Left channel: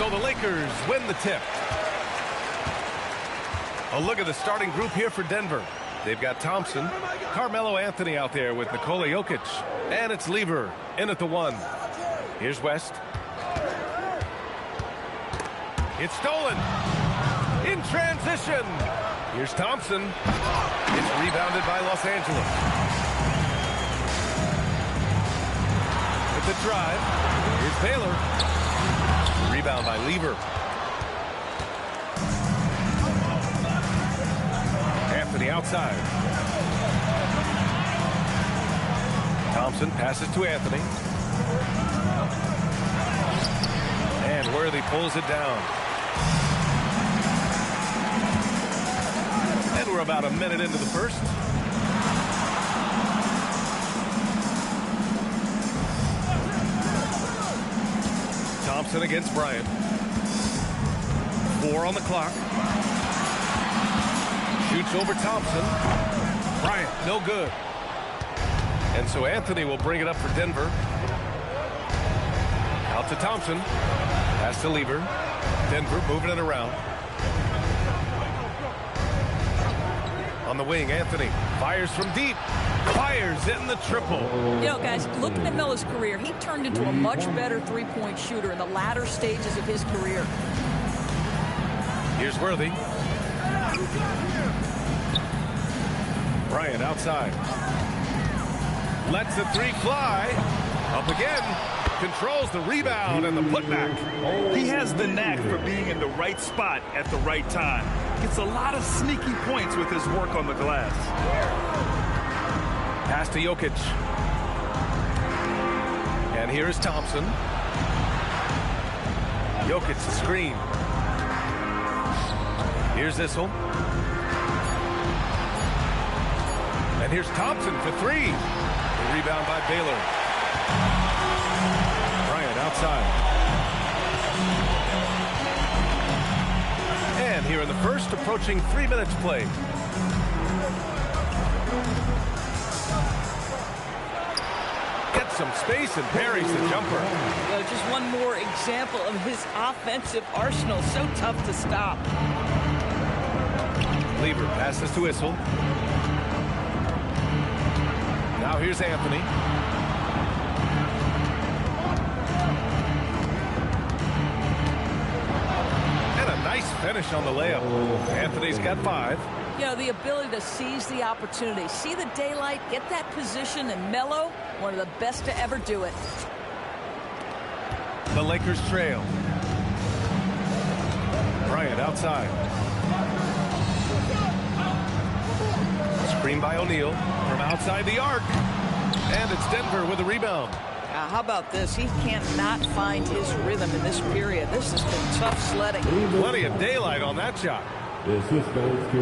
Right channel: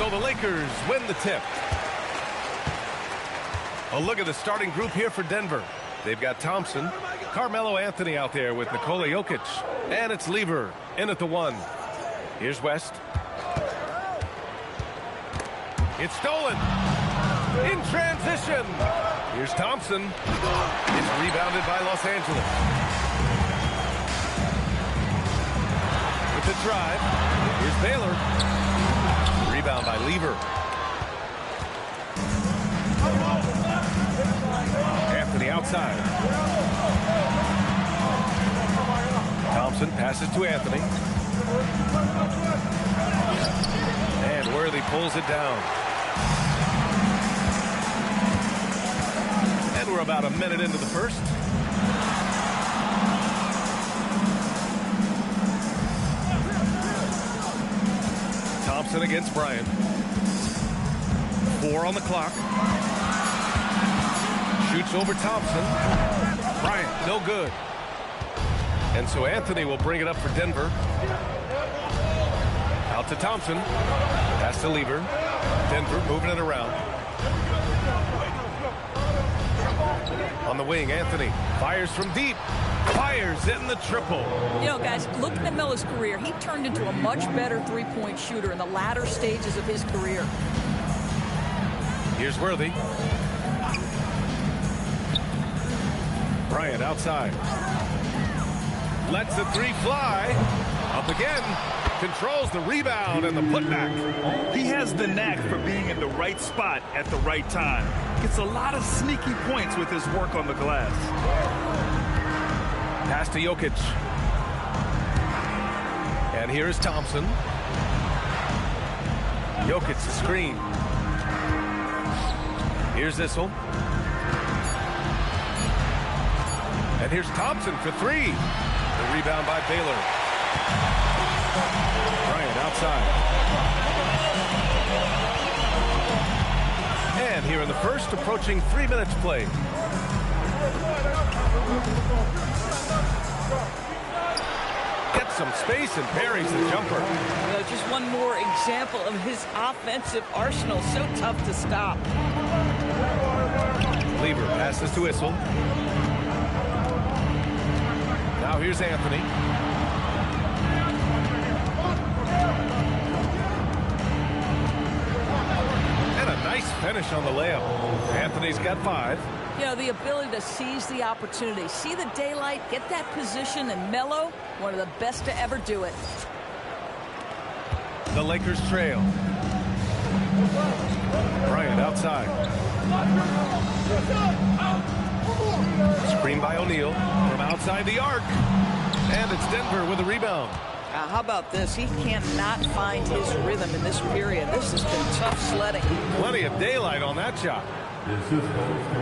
So the Lakers win the tip. A look at the starting group here for Denver. They've got Thompson, Carmelo Anthony out there with Nikola Jokic, and it's Lever in at the 1. Here's West. It's stolen. In transition. Here's Thompson. It's rebounded by Los Angeles. With the drive. Here's Baylor. Rebound by Lever. Anthony outside. Thompson passes to Anthony. And Worthy pulls it down. And we're about a minute into the first. Thompson against Bryant. 4 on the clock. Shoots over Thompson. Bryant, no good. And so Anthony will bring it up for Denver. Out to Thompson. Pass to Lever. Denver moving it around. On the wing, Anthony fires from deep. Fires in the triple. You know, guys, looking at Melo's career, he turned into a much better three-point shooter in the latter stages of his career. Here's Worthy. Bryant outside. Lets the 3 fly. Up again. Controls the rebound and the putback. He has the knack for being in the right spot at the right time. Gets a lot of sneaky points with his work on the glass. Pass to Jokic. And here is Thompson. Jokic the screen. Here's Issel. And here's Thompson for 3. The rebound by Baylor. Bryant outside. And here in the first, approaching 3 minutes played. Gets some space and buries the jumper. You know, just one more example of his offensive arsenal. So tough to stop. Lever passes to Issel. Now here's Anthony. And a nice finish on the layup. Anthony's got 5. You know, the ability to seize the opportunity, see the daylight, get that position, and Melo, one of the best to ever do it. The Lakers trail. Bryant outside. Screen by O'Neal from outside the arc. And it's Denver with a rebound. How about this? He cannot find his rhythm in this period. This has been tough sledding. Plenty of daylight on that shot. This goes to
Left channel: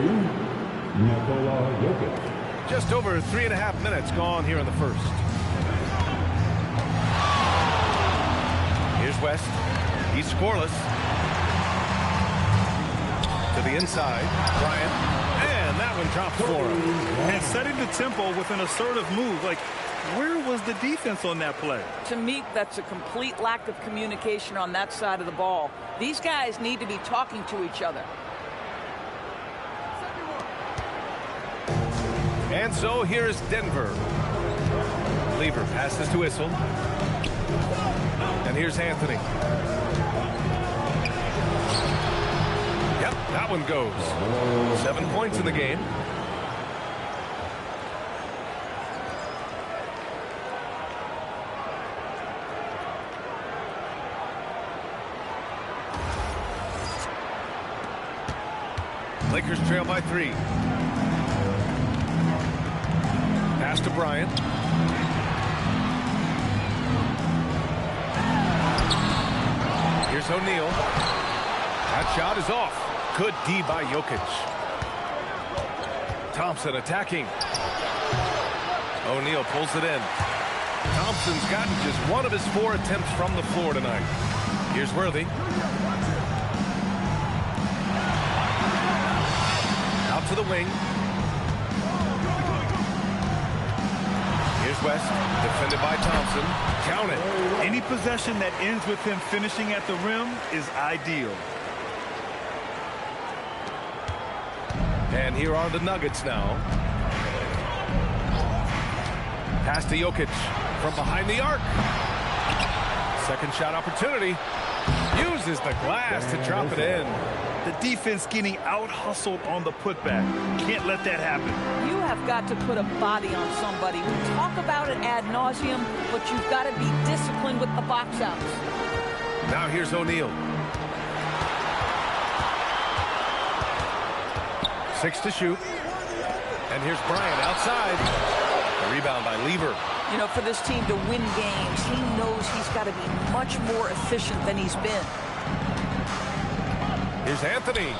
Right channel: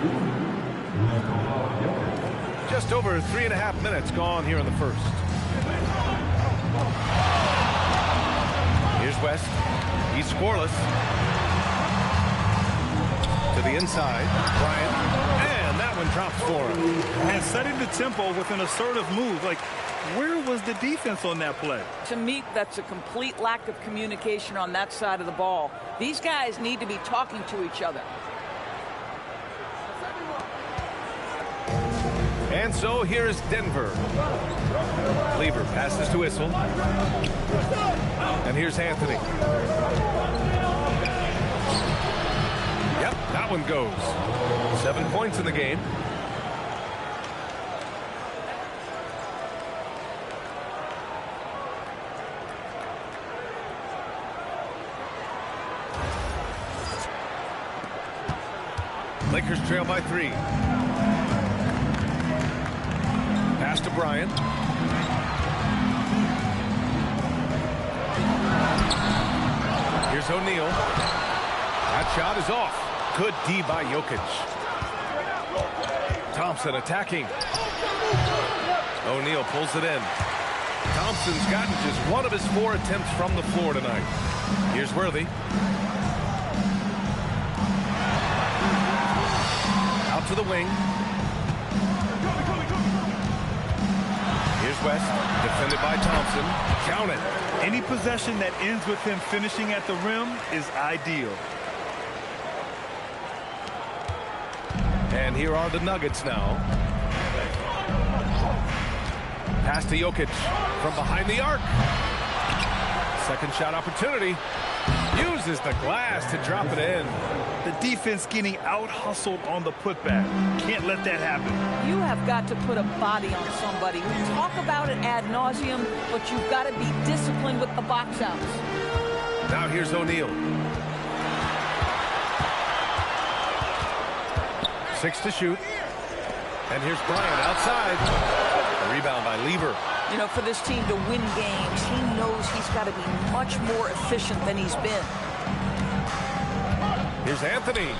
Nikola Jokic. Just over 3.5 minutes gone here in the first. Here's West. He's scoreless. To the inside. Bryant. And that one drops for him. And setting the tempo with an assertive move. Like, where was the defense on that play? To me, that's a complete lack of communication on that side of the ball. These guys need to be talking to each other. And so here's Denver. Lever passes to Issel. And here's Anthony. Yep, that one goes. 7 points in the game. Lakers trail by 3. Pass to Bryant. Here's O'Neal. That shot is off. Good D by Jokic. Thompson attacking. O'Neal pulls it in. Thompson's gotten just one of his 4 attempts from the floor tonight. Here's Worthy. Out to the wing. Here's West, defended by Thompson. Count it. Any possession that ends with him finishing at the rim is ideal. And here are the Nuggets now. Pass to Jokic from behind the arc. Second shot opportunity. Uses the glass to drop it in. The defense getting out-hustled on the putback. Can't let that happen. You have got to put a body on somebody. We talk about it ad nauseum, but you've got to be disciplined with the box outs. Now here's O'Neal. 6 to shoot. And here's Bryant outside. A rebound by Lever. You know, for this team to win games, he knows he's got to be much more efficient than he's been. Here's Anthony.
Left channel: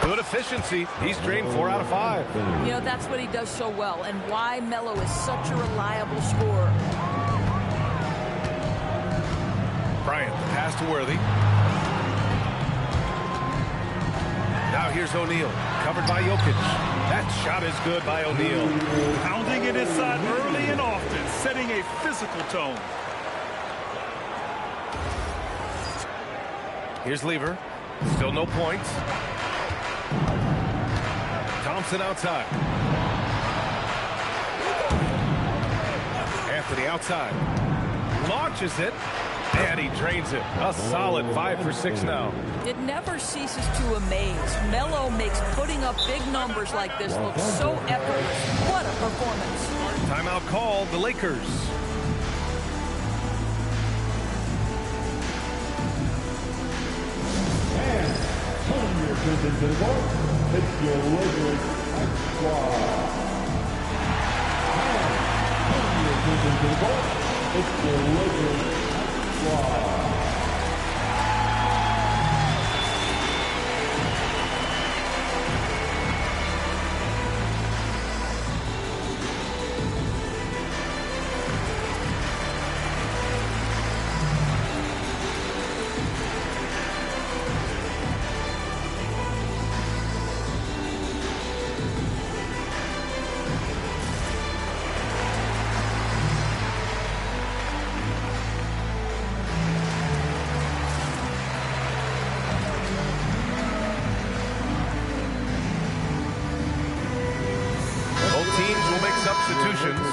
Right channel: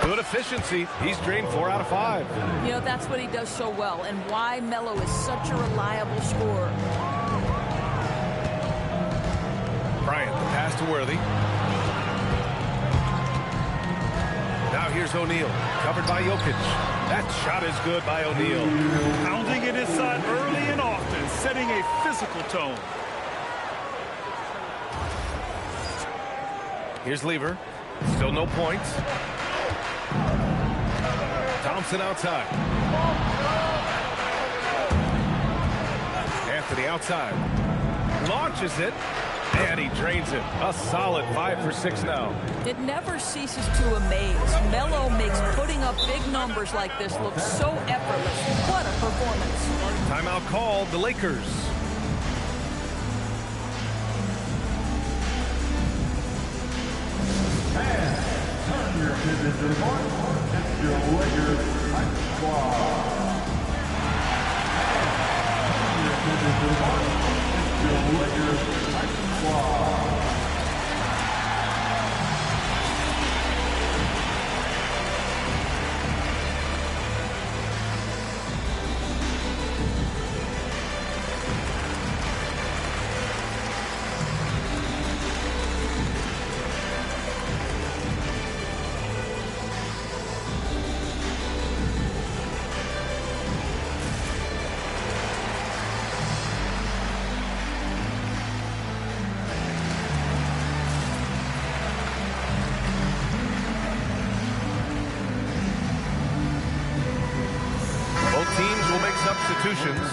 Good efficiency. He's drained 4 out of 5. You know, that's what he does so well, and why Melo is such a reliable scorer. Bryant, the pass to Worthy. Now here's O'Neal, covered by Jokic. That shot is good by O'Neal. Pounding it inside early and often, setting a physical tone. Here's Lever. Still no points. Thompson outside. Anthony outside. Launches it. And he drains it. A solid 5 for 6 now. It never ceases to amaze. Melo makes putting up big numbers like this look so effortless. What a performance. Timeout called, the Lakers. And turn your attention to the court. It's your Lakers Hype Squad. And turn your attention to the court. It's your Lakers Hype Squad. Both teams will make substitutions.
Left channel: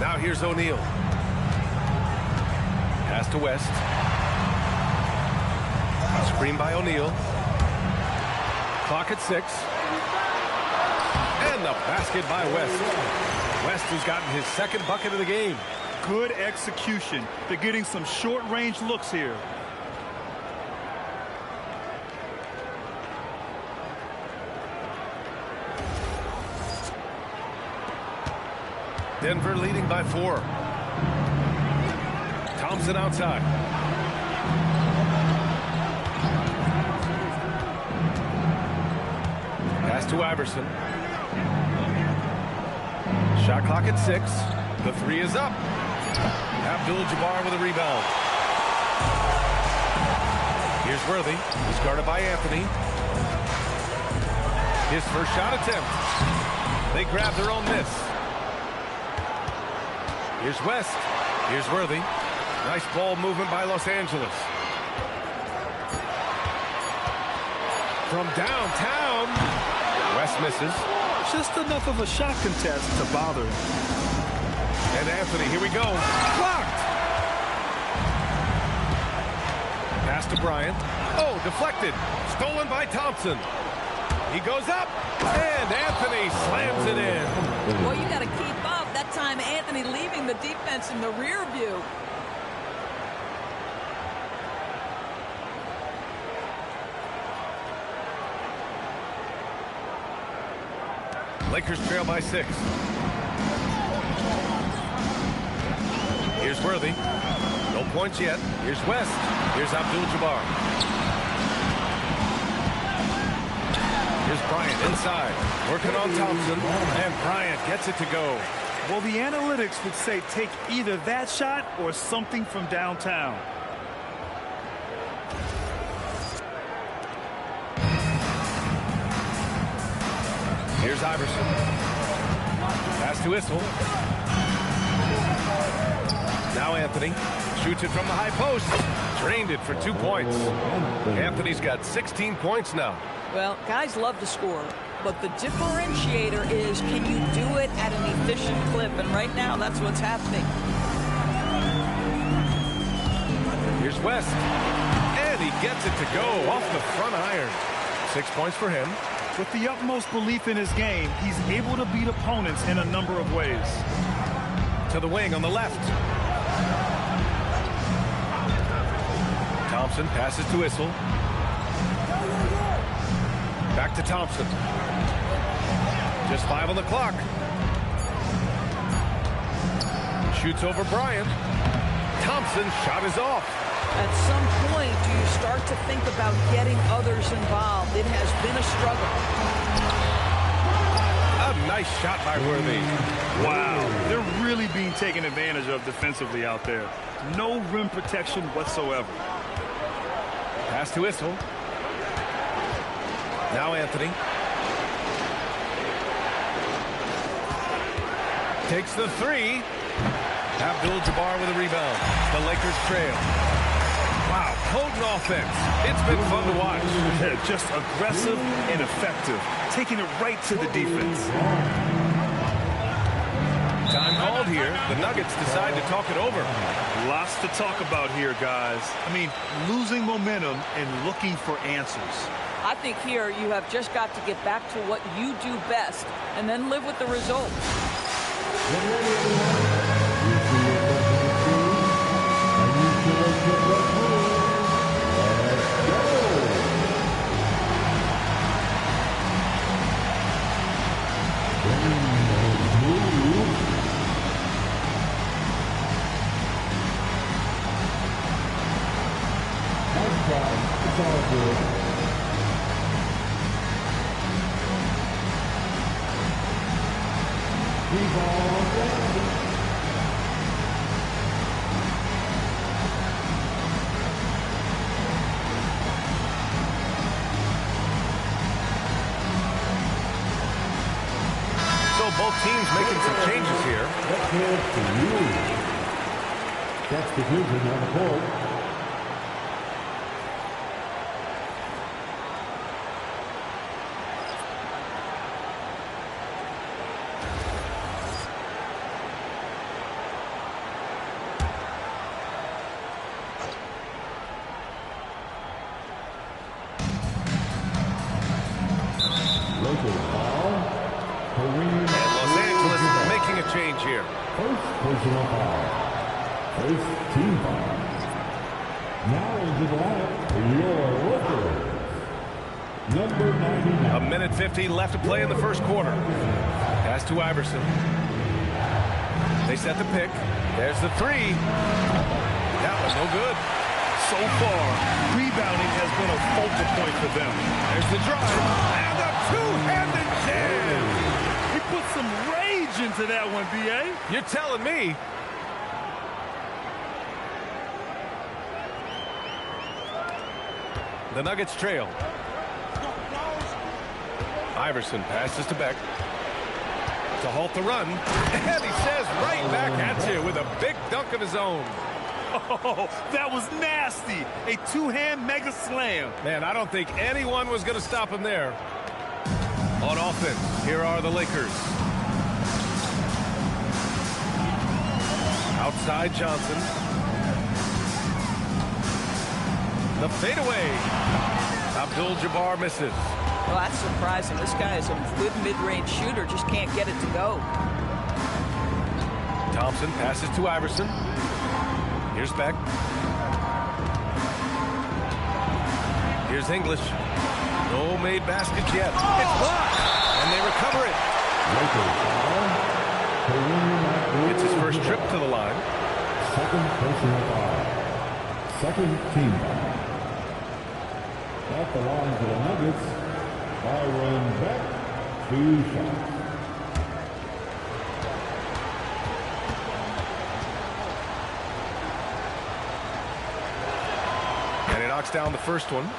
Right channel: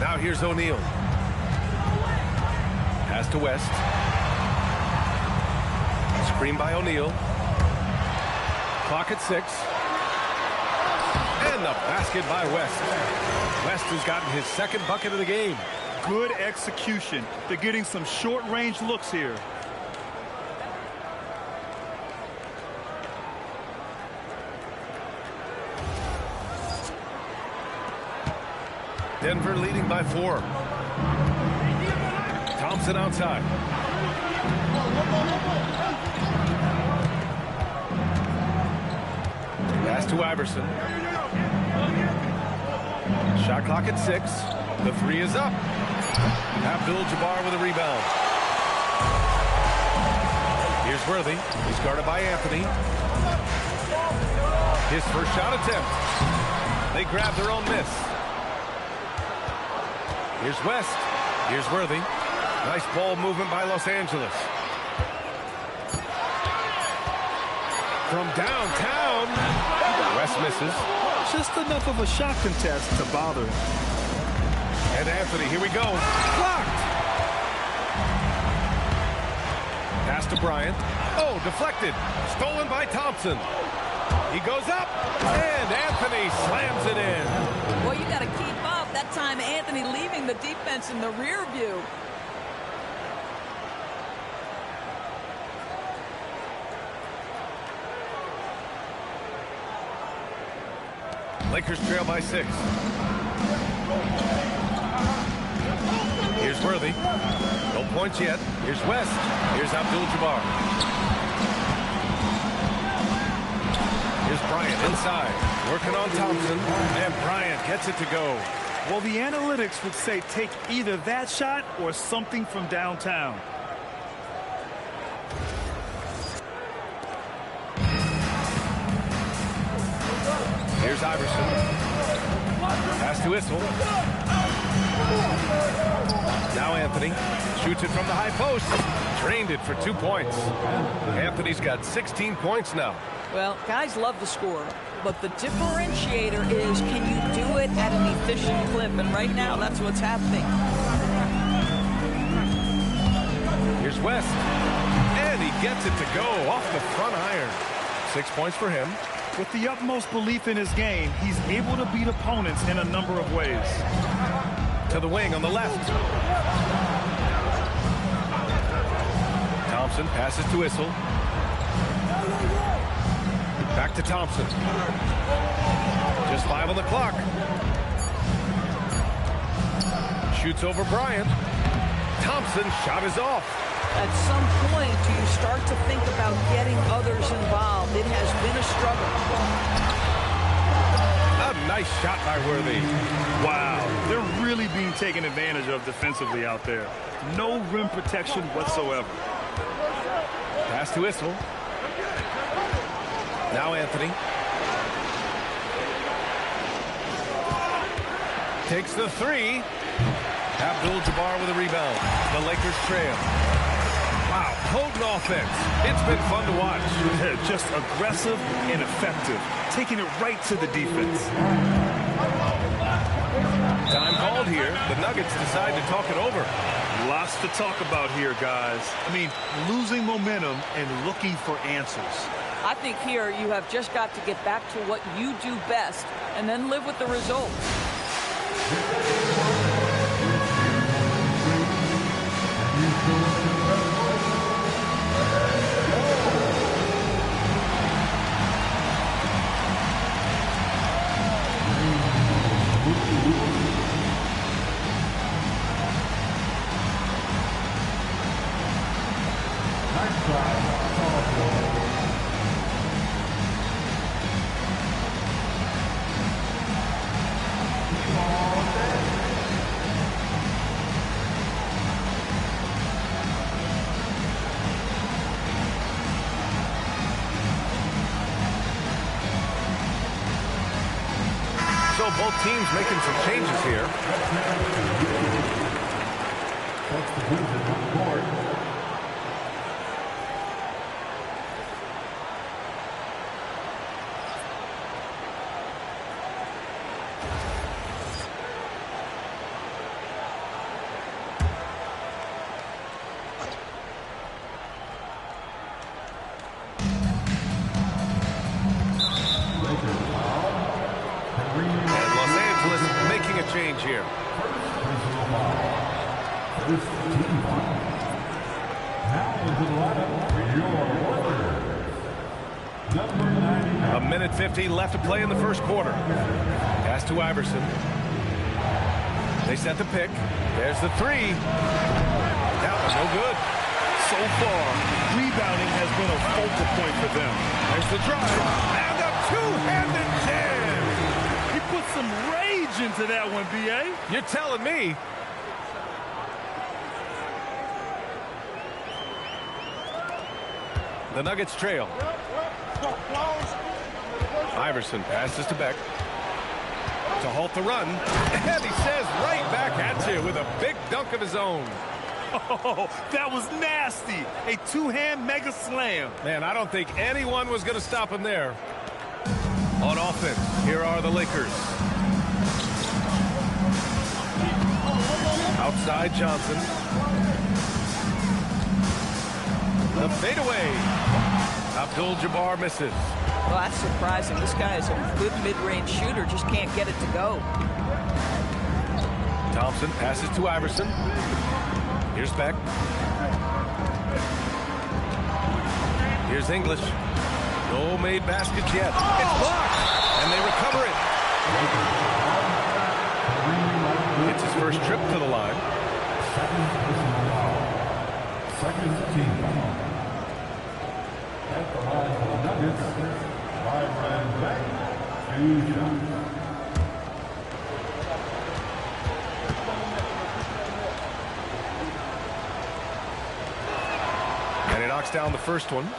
Now here's O'Neal. Pass to West. Screen by O'Neal. Clock at 6. And the basket by West. West has gotten his second bucket of the game. Good execution. They're getting some short-range looks here. Denver leading by 4. Thompson outside. Pass to Iverson. Shot clock at 6. The 3 is up. Abdul-Jabbar with a rebound. Here's Worthy. He's guarded by Anthony. His first shot attempt. They grab their own miss. Here's West. Here's Worthy. Nice ball movement by Los Angeles. From downtown. West misses. Just enough of a shot contest to bother him. And Anthony, here we go. Blocked. Pass to Bryant. Oh, deflected. Stolen by Thompson. He goes up, and Anthony slams it in. Well, you got to keep up. That time, Anthony leaving the defense in the rear view. Lakers trail by 6. Here's Worthy. No points yet. Here's West. Here's Abdul-Jabbar. Here's Bryant inside. Working on Thompson. And Bryant gets it to go. Well, the analytics would say take either that shot or something from downtown. Here's Iverson. Pass to Issel. Now Anthony shoots it from the high post. Drained it for 2 points. Anthony's got 16 points now. Well, guys love to score, but the differentiator is, can you do it at an efficient clip? And right now, that's what's happening. Here's West. And he gets it to go off the front iron. 6 points for him. With the utmost belief in his game, he's able to beat opponents in a number of ways. To the wing on the left. Thompson passes to Issel. Back to Thompson. Just 5 on the clock. Shoots over Bryant. Thompson's shot is off. At some point, do you start to think about getting others involved? It has been a struggle. A nice shot by Worthy. Wow, they're really being taken advantage of defensively out there. No rim protection whatsoever. Pass to Issel. Now Anthony. Takes the three. Abdul-Jabbar with a rebound. The Lakers trail. Wow, potent offense. It's been fun to watch. Just aggressive and effective, taking it right to the defense. Time called here. The Nuggets decide to talk it over. Lots to talk about here, guys. I mean, losing momentum and looking for answers. I think here you have just got to get back to what you do best and then live with the results. Nice try. It's all good. Ball dancing. So both teams making some changes here. Substitution on the court. And Los Angeles making a change here. First personal foul. First team foul. Now into the lineup for your Lakers. Number 99. A minute 50 left to play in the first quarter. Pass to Iverson. They set the pick. There's the three. That was no good. So far, rebounding has been a focal point for them. There's the drive. And a two-handed jam. He put some rage into that one, B.A. You're telling me. The Nuggets trail. Iverson passes to Beck to halt the run. And he says right back at you with a big dunk of his own. Oh, that was nasty. A two-hand mega slam. Man, I don't think anyone was going to stop him there. On offense, here are the Lakers. Outside Johnson. The fadeaway. Abdul-Jabbar misses. Well, that's surprising. This guy is a good mid-range shooter, just can't get it to go. Thompson passes to Iverson. Here's Beck. Here's English. No made baskets yet. It's blocked. And they recover it. It's his first trip to the line. Second personal foul. Second team foul. At the line for the Nuggets, Byron Beck, 2 shots. And he knocks down the first one.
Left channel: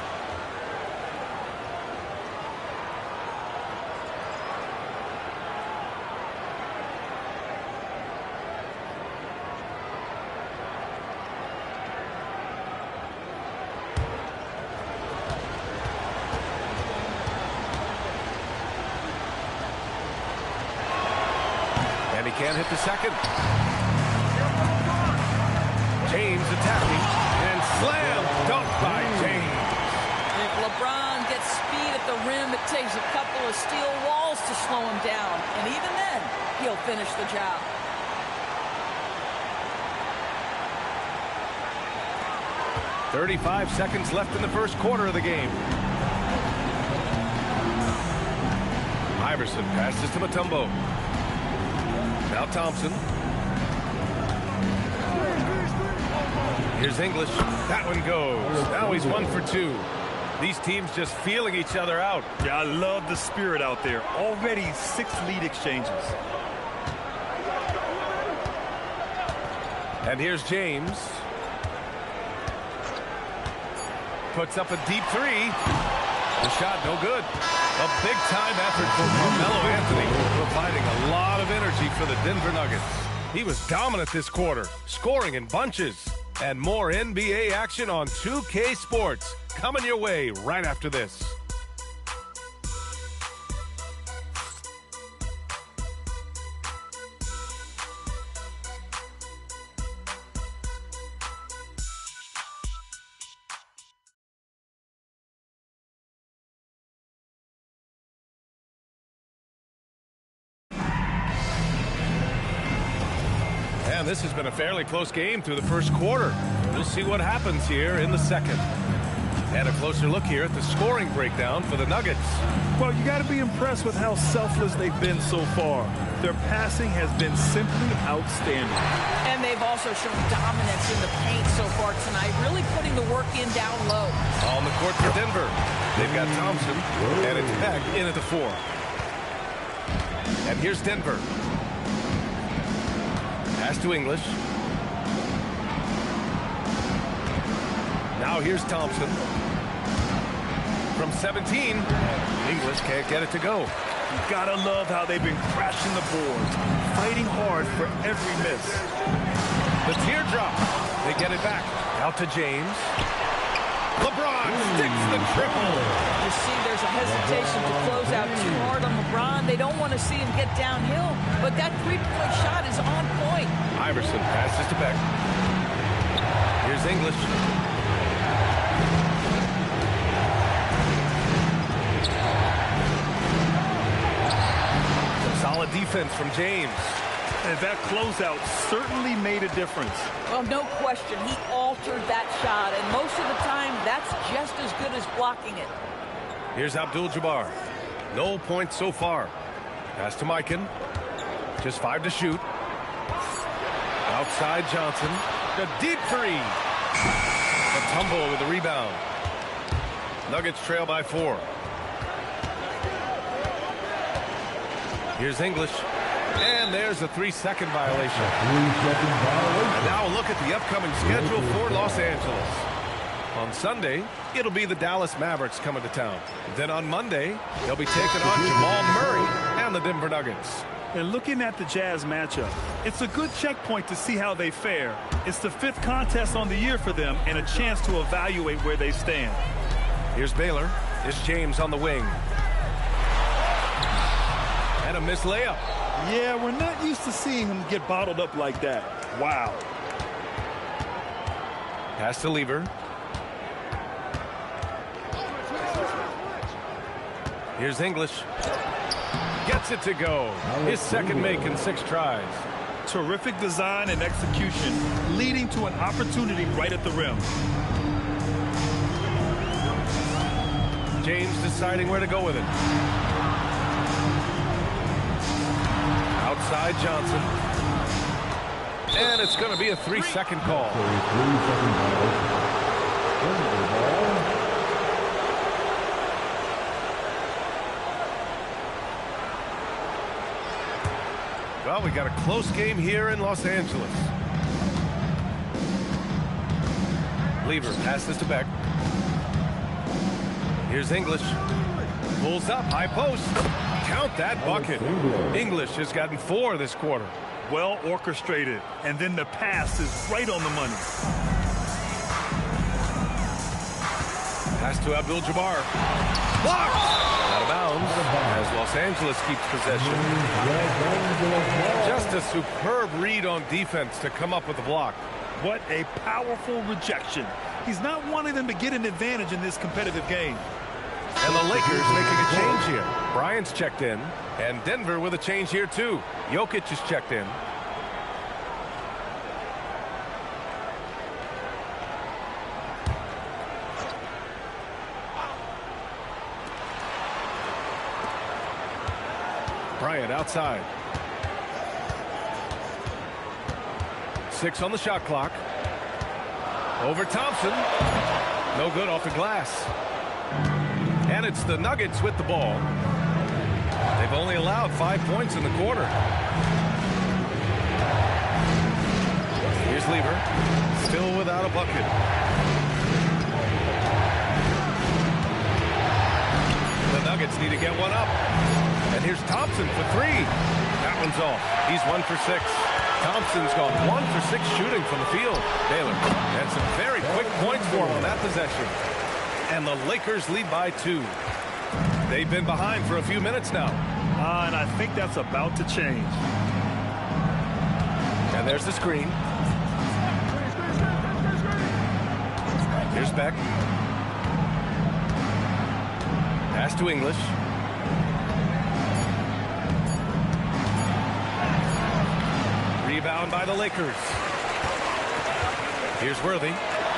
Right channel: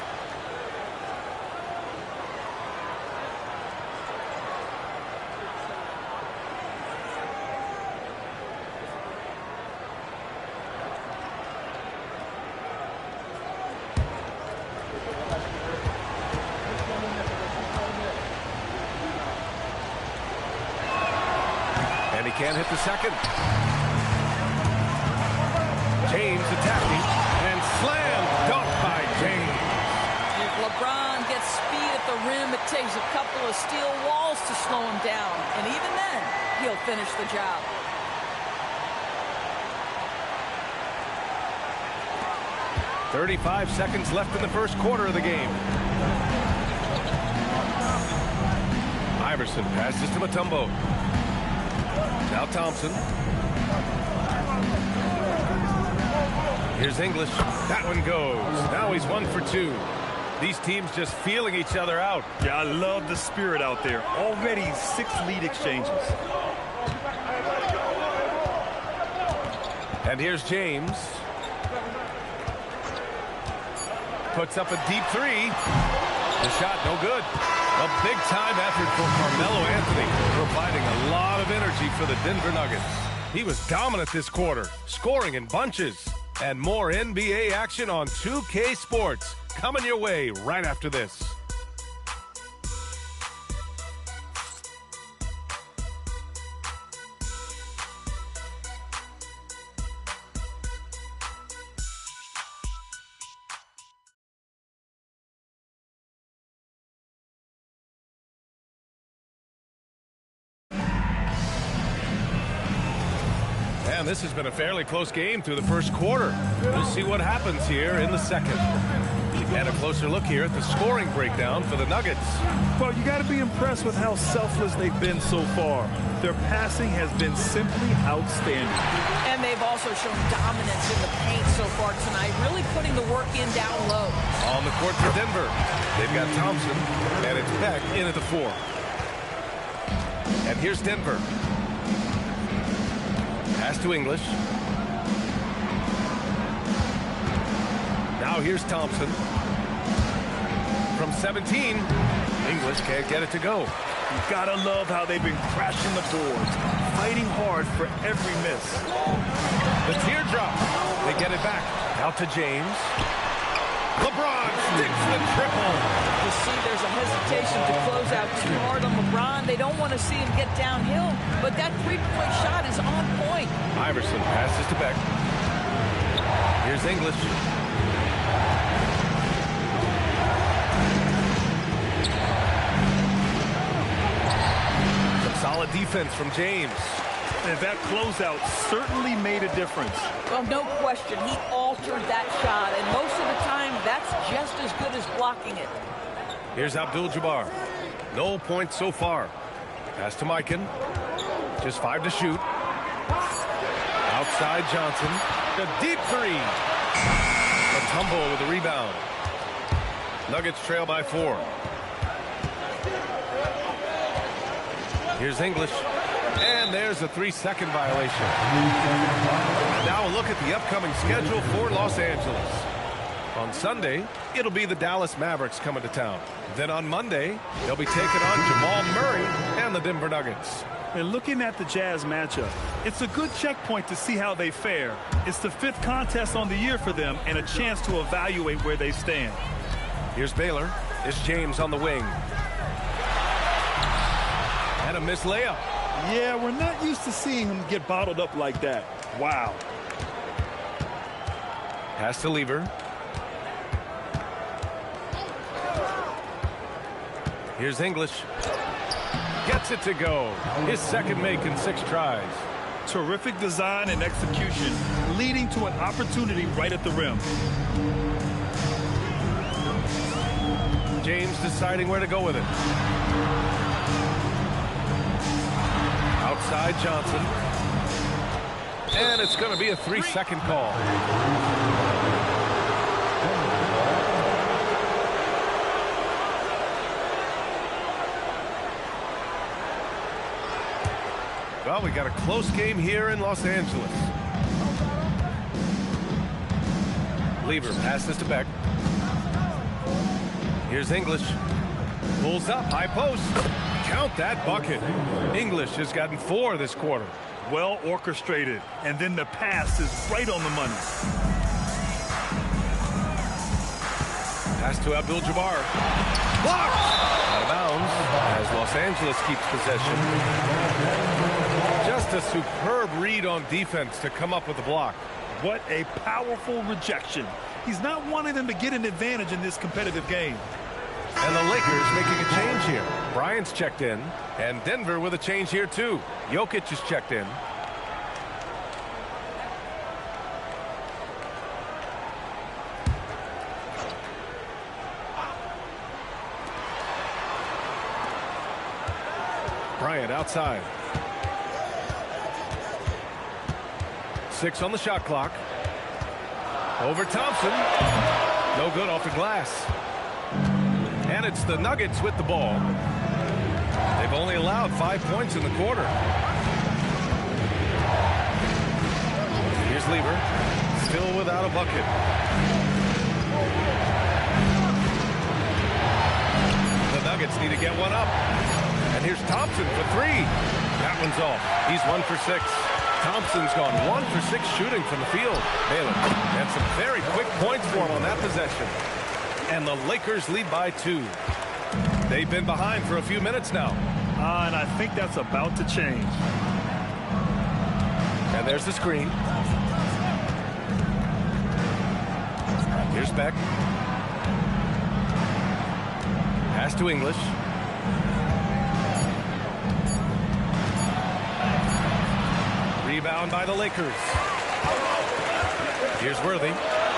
And he can't hit the second. James attacking and slam dunk by James. If LeBron gets speed at the rim, it takes a couple of steel walls to slow him down. And even then, he'll finish the job. "35 seconds left in the first quarter of the game. Iverson passes to Mutombo. Now Thompson. Here's English. That one goes. Now he's 1 for 2. These teams just feeling each other out. Yeah, I love the spirit out there. Already 6 lead exchanges. And here's James. Puts up a deep 3. The shot no good. A big-time effort for Carmelo Anthony, providing a lot of energy for the Denver Nuggets. He was dominant this quarter, scoring in bunches. And more NBA action on 2K Sports coming your way right after this. And this has been a fairly close game through the first quarter. We'll see what happens here in the second. And a closer look here at the scoring breakdown for the Nuggets. Well, you got to be impressed with how selfless they've been so far. Their passing has been simply outstanding. And they've also shown dominance in the paint so far tonight, really putting the work in down low. On the court for Denver, they've got Thompson, and it's Beck in at the 4. And here's Denver. Pass to English. Now here's Thompson. From 17, English can't get it to go. You gotta love how they've been crashing the boards, fighting hard for every miss. The teardrop. They get it back. Out to James. LeBron sticks the triple. You see there's a hesitation to close out too hard on LeBron. They don't want to see him get downhill, but that three-point shot is on point. Iverson passes to Beck. Here's English. Some solid defense from James. And that closeout certainly made a difference. Well, no question. He altered that shot, and most of the time, that's just as good as blocking it. Here's Abdul-Jabbar. No points so far. Pass to Mikan. Just 5 to shoot. Outside Johnson. A deep 3. Mutombo with the rebound. Nuggets trail by 4. Here's English. And there's a 3-second violation. And now a look at the upcoming schedule for Los Angeles. On Sunday, it'll be the Dallas Mavericks coming to town. Then on Monday, they'll be taking on Jamal Murray and the Denver Nuggets. And looking at the Jazz matchup, it's a good checkpoint to see how they fare. It's the 5th contest on the year for them and a chance to evaluate where they stand. Here's Baylor. It's James on the wing. And a missed layup. Yeah, we're not used to seeing him get bottled up like that. Wow. Pass to Lever. Here's English. Gets it to go. His second make in 6 tries. Terrific design and execution, leading to an opportunity right at the rim. James deciding where to go with it. Outside Johnson. And it's going to be a 3-second call. A 3-second violation. Denver ball. Well, we got a close game here in Los Angeles. Lever passes to Beck. Here's English. Pulls up, high post. Count that bucket. English has gotten 4 this quarter. Well orchestrated, and then the pass is right on the money. Pass to Abdul-Jabbar. Blocked! Out of bounds as Los Angeles keeps possession. Just a superb read on defense to come up with the block. What a powerful rejection. He's not wanting them to get an advantage in this competitive game. And the Lakers making a change here. Bryant's checked in, and Denver with a change here too. Jokic is checked in. Bryant outside. 6 on the shot clock. Over Thompson. No good off the glass. And it's the Nuggets with the ball. They've only allowed 5 points in the quarter. Here's Lever. Still without a bucket. The Nuggets need to get one up. And here's Thompson for 3. That one's off. He's 1 for 6. Thompson's gone 1 for 6 shooting from the field. Baylor. And some very quick points for him on that possession. And the Lakers lead by 2. They've been behind for a few minutes now. And I think that's about to change. And there's the screen. Here's Beck. Pass to English. Rebound by the Lakers. Here's Worthy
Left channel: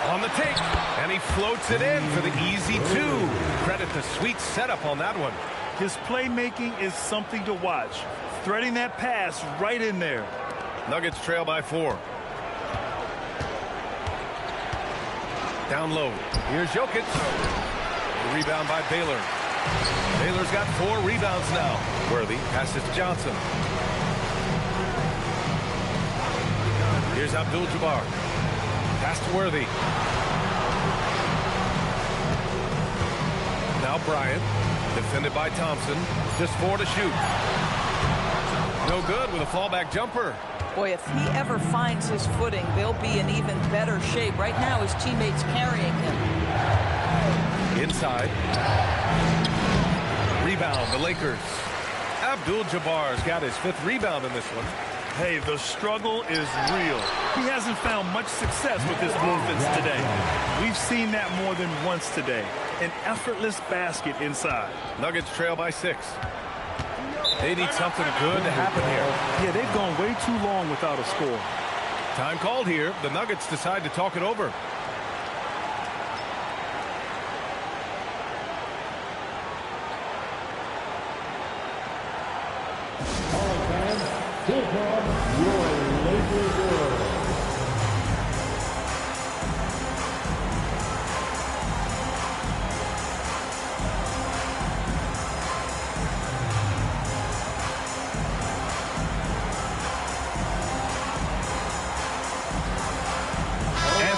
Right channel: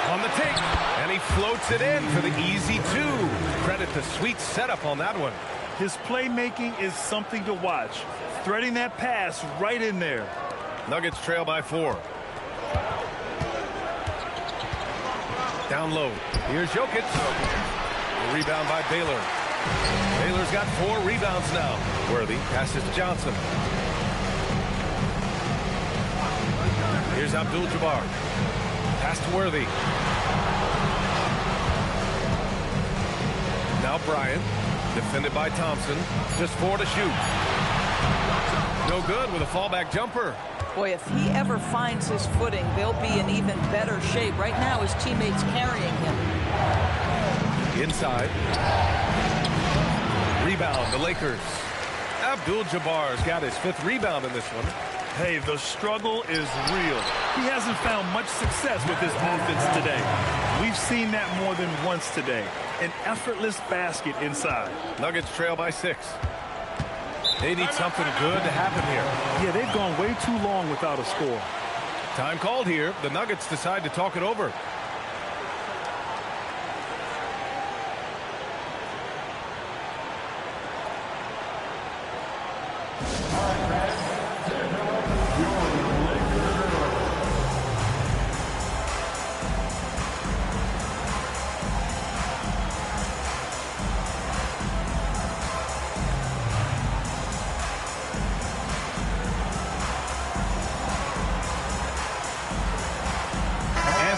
on the take, and he floats it in for the easy 2. Credit the sweet setup on that one. His playmaking is something to watch. Threading that pass right in there. Nuggets trail by 4. Down low. Here's Jokic. The rebound by Baylor. Baylor's got 4 rebounds now. Worthy passes to Johnson. Here's Abdul-Jabbar. Pass to Worthy. Now Bryant. Defended by Thompson. Just 4 to shoot. No good with a fallback jumper. Boy, if he ever finds his footing, they'll be in even better shape. Right now, his teammates carrying him. Inside. Rebound, the Lakers. Abdul-Jabbar's got his 5th rebound in this one. Hey, the struggle is real. He hasn't found much success with his offense today. We've seen that more than once today. An effortless basket inside. Nuggets trail by 6. They need something good to happen here. Yeah, they've gone way too long without a score. Time called here. The Nuggets decide to talk it over.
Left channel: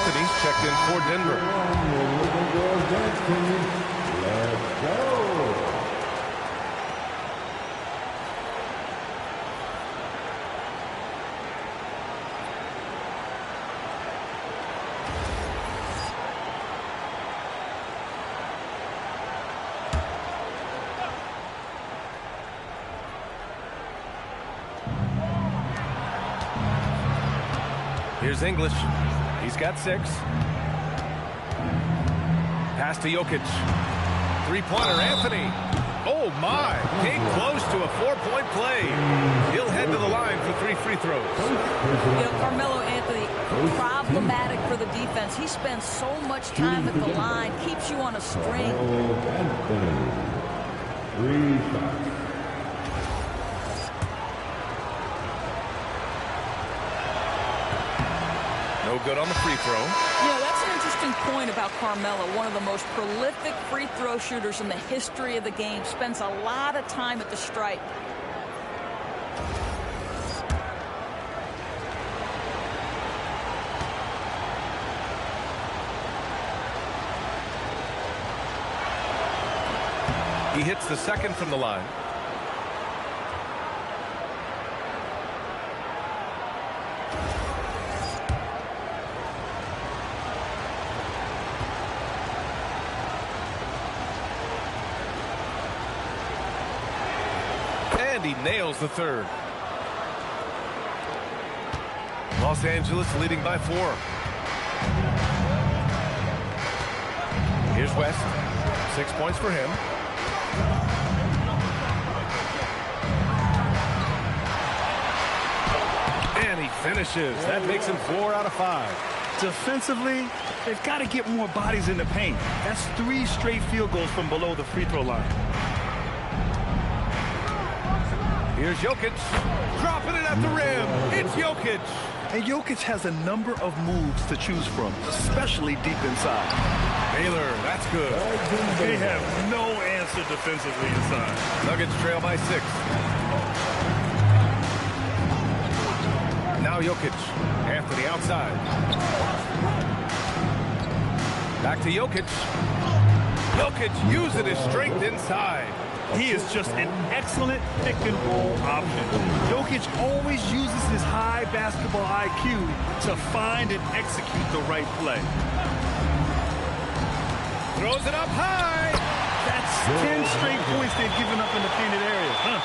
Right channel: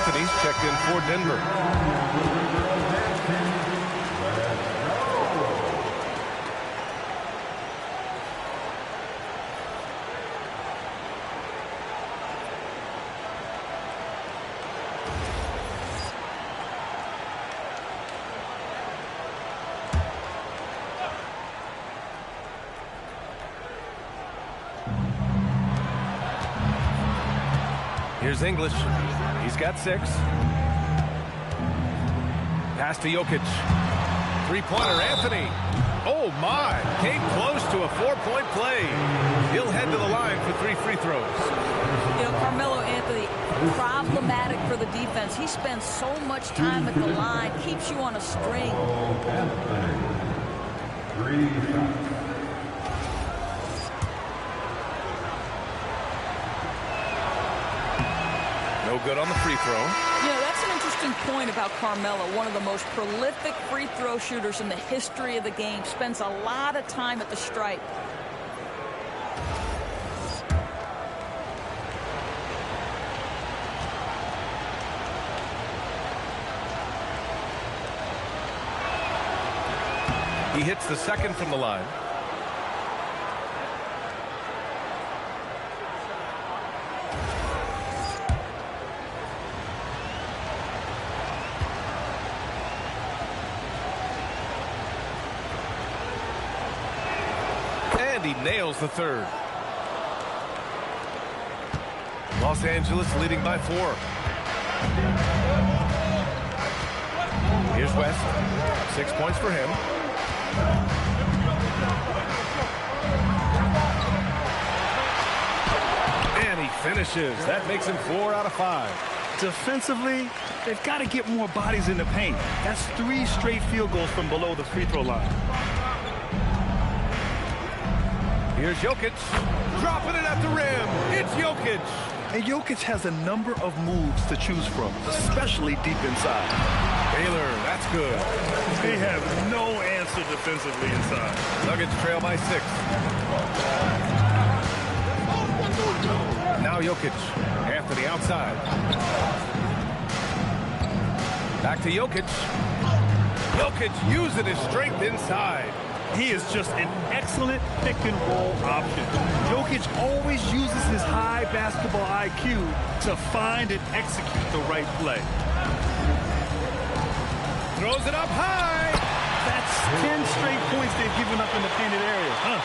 Anthony's checked in for Denver. Here's English. He's got 6. Pass to Jokic. 3-pointer, Anthony. Oh, my. Came close to a 4-point play. He'll head to the line for 3 free throws. You know, Carmelo Anthony, problematic for the defense. He spends so much time at the line, keeps you on a string. Anthony. 3 shots. No good on the free throw. You know, that's an interesting point about Carmelo, one of the most prolific free throw shooters in the history of the game. Spends a lot of time at the stripe. He hits the second from the line. And he nails the third. Los Angeles leading by 4. Here's West. 6 points for him. And he finishes. That makes him 4 out of 5. Defensively, they've got to get more bodies in the paint. That's 3 straight field goals from below the free throw line. Here's Jokic, dropping it at the rim. It's Jokic. And Jokic has a number of moves to choose from, especially deep inside. Baylor, that's good. They have no answer defensively inside. Nuggets trail by 6. Now Jokic, Anthony outside. Back to Jokic. Jokic using his strength inside. He is just an excellent pick-and-roll option. Jokic always uses his high basketball IQ to find and execute the right play. Throws it up high. That's 10 straight points they've given up in the painted area, huh?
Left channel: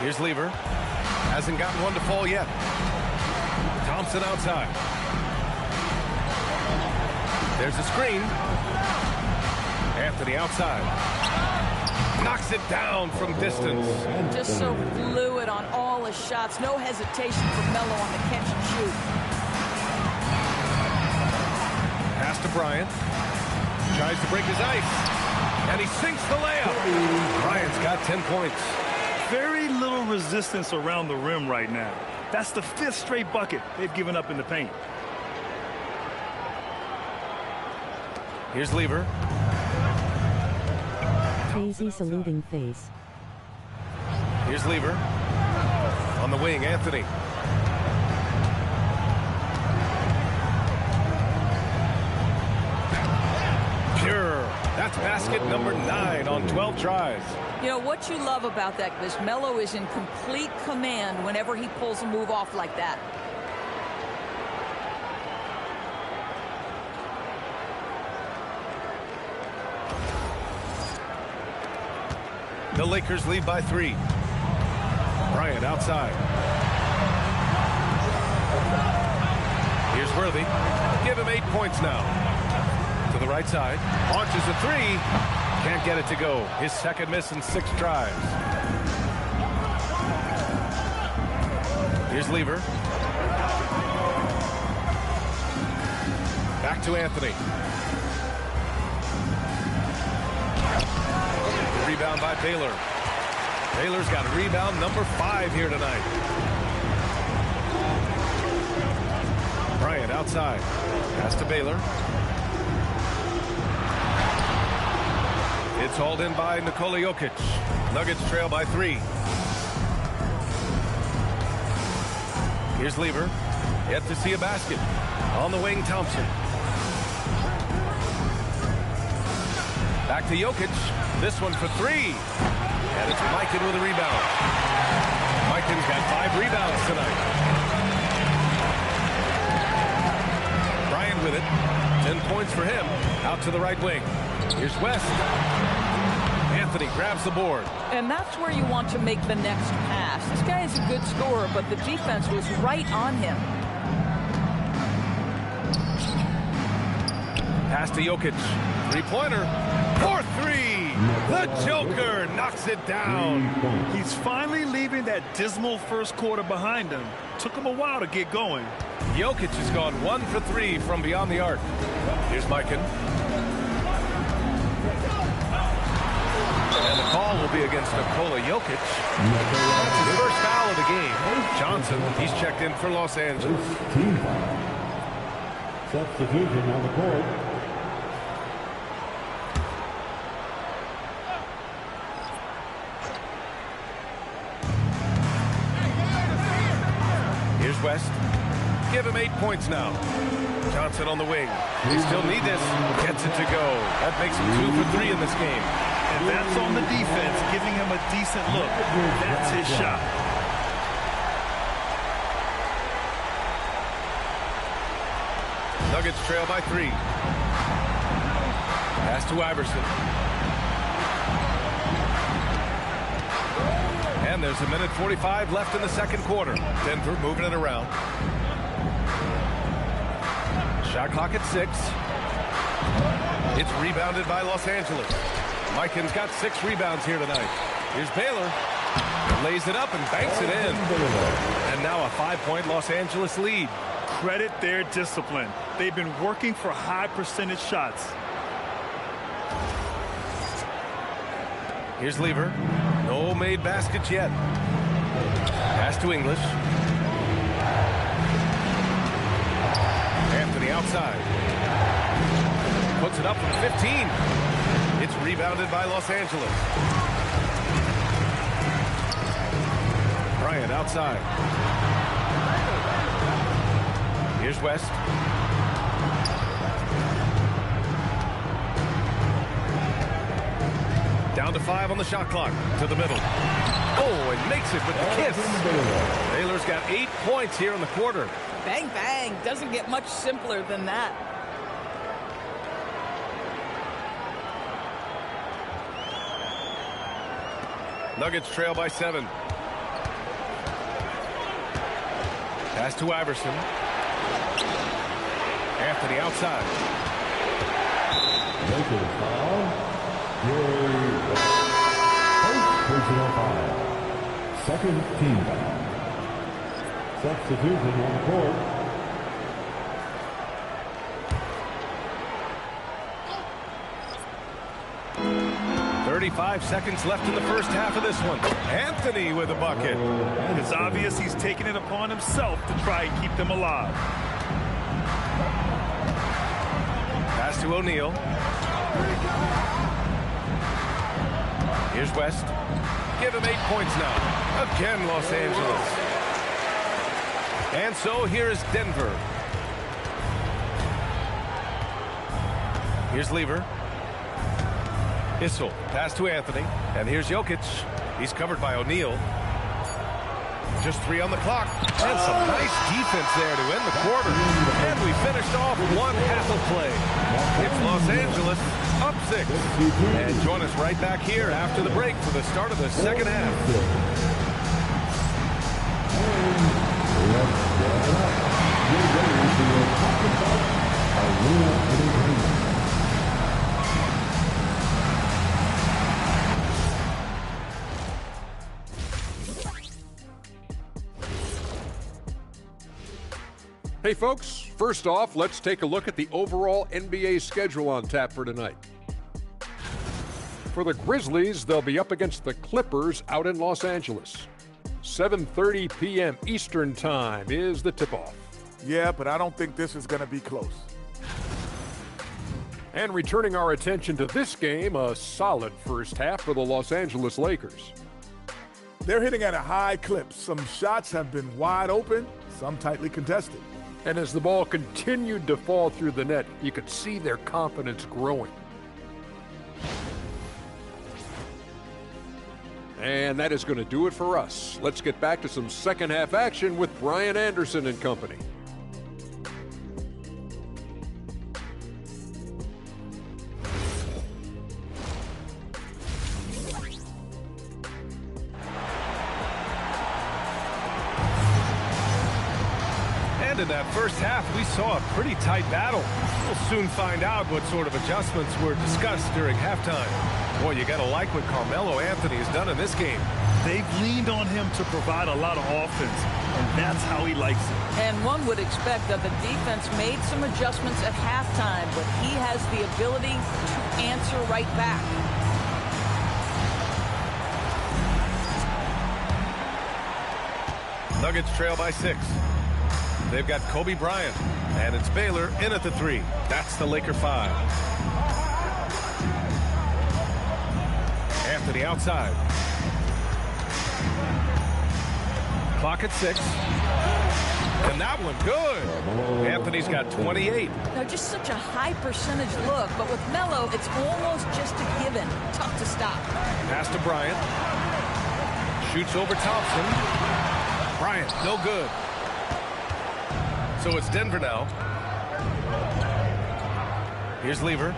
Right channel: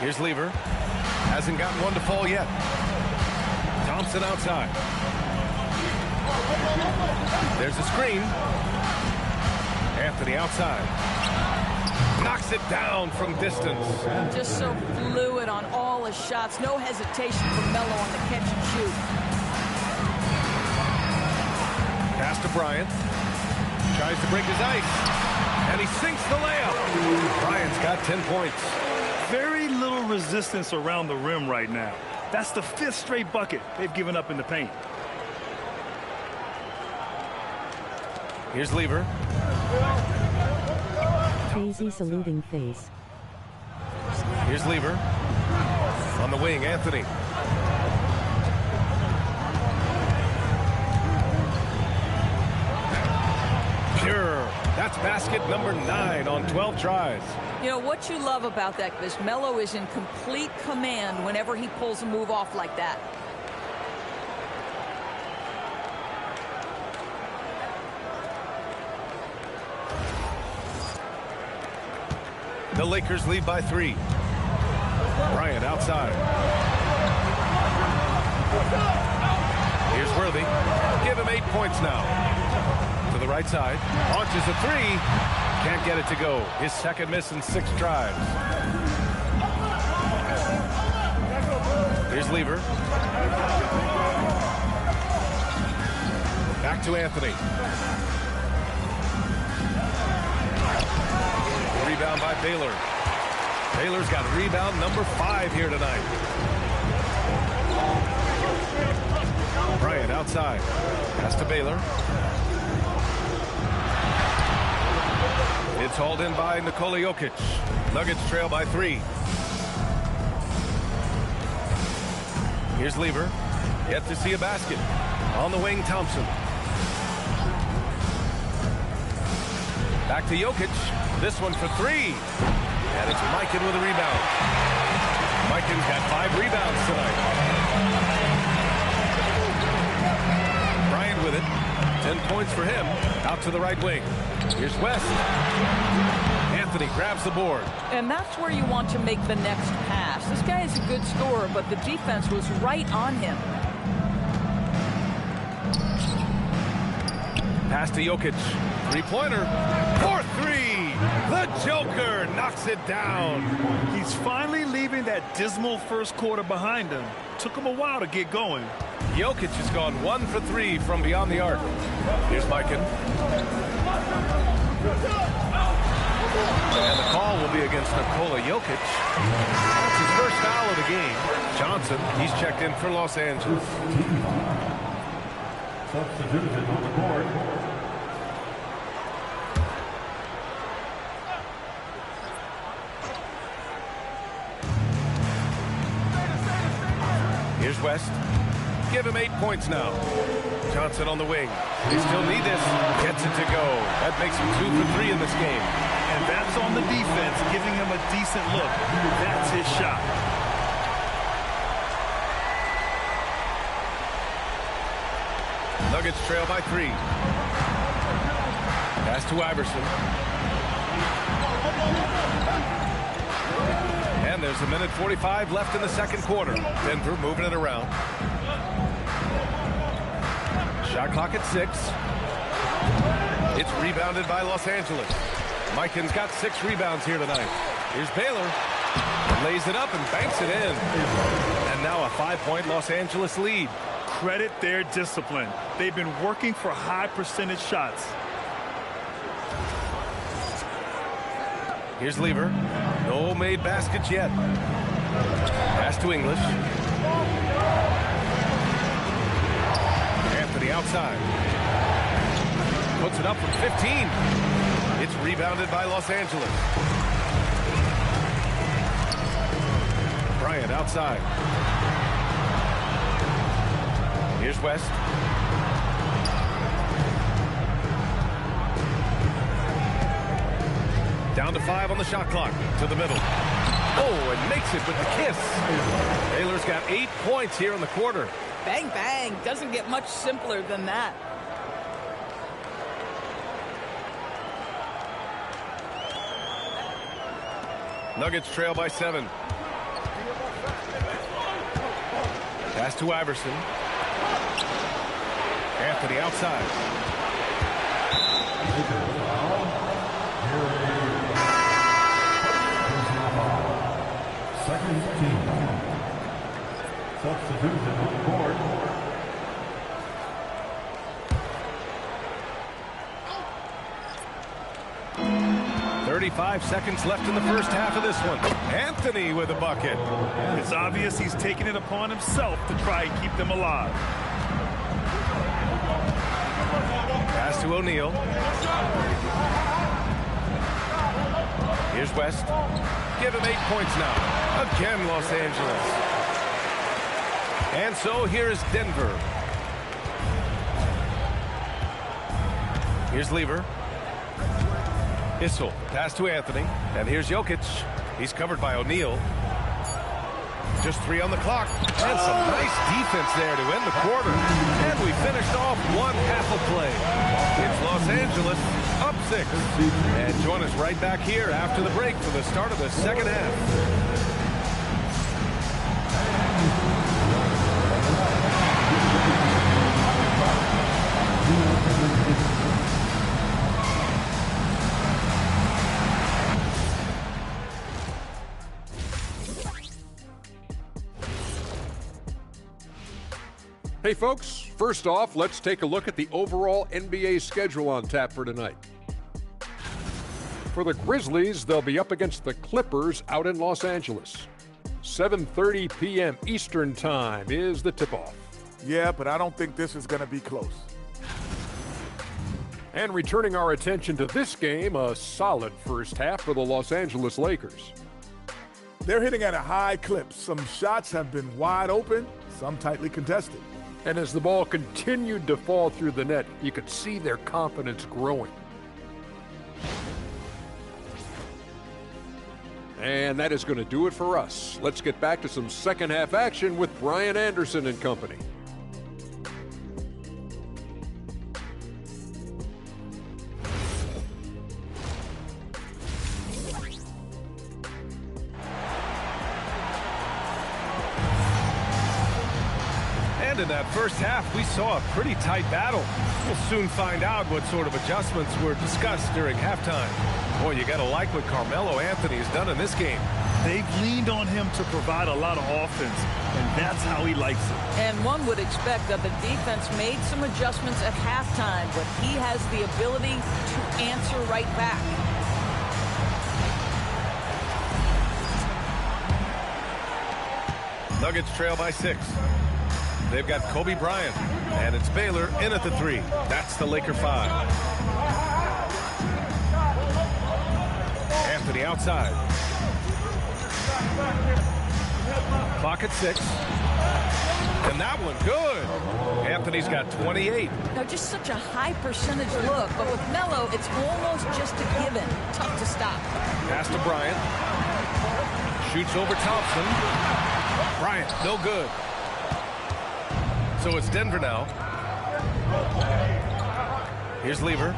Here's Lever. Hasn't gotten one to fall yet. Thompson outside. There's a screen. Anthony outside. Knocks it down from distance. Just so fluid on all his shots. No hesitation for Melo on the catch and shoot. Pass to Bryant. Tries to break his ice. And he sinks the layup. Bryant's got 10 points. Very little resistance around the rim right now. That's the 5th straight bucket they've given up in the paint. Here's Lever. Crazy saluting face. Here's Lever. On the wing, Anthony. Pure. That's basket number 9 on 12 tries. You know, what you love about that is Melo is in complete command whenever he pulls a move off like that. The Lakers lead by 3. Bryant outside. Here's Worthy. Give him 8 points now. To the right side. Launches a 3. Can't get it to go. His second miss in 6 tries. Here's Lever. Back to Anthony. Rebound by Baylor. Baylor's got rebound number 5 here tonight. Bryant outside. Pass to Baylor. It's hauled in by Nikola Jokic. Nuggets trail by 3. Here's Lever. Yet to see a basket. On the wing, Thompson. Back to Jokic. This one for 3. And it's Mikan with a rebound. Mikan's got 5 rebounds tonight. Bryant with it. 10 points for him. Out to the right wing. Here's West. Anthony grabs the board. And that's where you want to make the next pass. This guy is a good scorer, but the defense was right on him. Pass to Jokic. 3-pointer. For 3. The Joker knocks it down. He's finally leaving that dismal first quarter behind him. Took him a while to get going. Jokic has gone 1 for 3 from beyond the arc. Here's Mikan. And the call will be against Nikola Jokic. That's his first foul of the game. Johnson, he's checked in for Los Angeles. Team foul. Substitution on the court. Here's West. Give him 8 points now. Johnson on the wing. They still need this. Gets it to go. That makes him 2 for 3 in this game. And that's on the defense, giving him a decent look. That's his shot. Nuggets trail by 3. Pass to Iverson. And there's a minute 45 left in the second quarter. Denver moving it around. Shot clock at 6. It's rebounded by Los Angeles. Mikan's got 6 rebounds here tonight. Here's Baylor. Lays it up and banks it in. And now a 5-point Los Angeles lead. Credit their discipline. They've been working for high percentage shots. Here's Lever. No made baskets yet. Pass to English. Anthony outside. Puts it up from 15. It's rebounded by Los Angeles. Bryant outside. Here's West. Down to 5 on the shot clock. To the middle. Oh, and makes it with the kiss. Baylor's got 8 points here in the quarter. Bang, bang. Doesn't get much simpler than that. Nuggets trail by 7. Pass to Iverson. Anthony outside. Making a foul. First personal foul. Second team foul. Substitution on the court. 35 seconds left in the first half of this one. Anthony with a bucket. It's obvious he's taken it upon himself to try and keep them alive. Pass to O'Neal. Here's West. Give him 8 points now. Again, Los Angeles. And so here is Denver. Here's Lever. Issel. Pass to Anthony. And here's Jokic. He's covered by O'Neal. Just 3 on the clock. And some nice defense there to end the quarter. And we finished off one half of play. It's Los Angeles up 6. And join us right back here after the break for the start of the second half. Hey folks, first off, let's take a look at the overall NBA schedule on tap for tonight. For the Grizzlies, they'll be up against the Clippers out in Los Angeles. 7:30 p.m. Eastern Time is the tip-off. Yeah, but I don't think this is going to be close. And returning our attention to this game, a solid first half for the Los Angeles Lakers. They're hitting at a high clip. Some shots have been wide open, some tightly contested. And as the ball continued to fall through the net, you could see their confidence growing. And that is going to do it for us. Let's get back to some second half action with Brian Anderson and company. And in that first half, we saw a pretty tight battle. We'll soon find out what sort of adjustments were discussed during halftime. Boy, you got to like what Carmelo Anthony has done in this game. They've leaned on him to provide a lot of offense, and that's how he likes it. And one would expect that the defense made some adjustments at halftime, but he has the ability to answer right back. Nuggets trail by 6. They've got Kobe Bryant, and it's Baylor in at the 3. That's the Laker 5. Anthony outside. Clock at 6. And that one, good. Anthony's got 28. Now, just such a high percentage look, but with Melo, it's almost just a given. Tough to stop. Pass to Bryant. Shoots over Thompson. Bryant, no good. So it's Denver now. Here's Lever.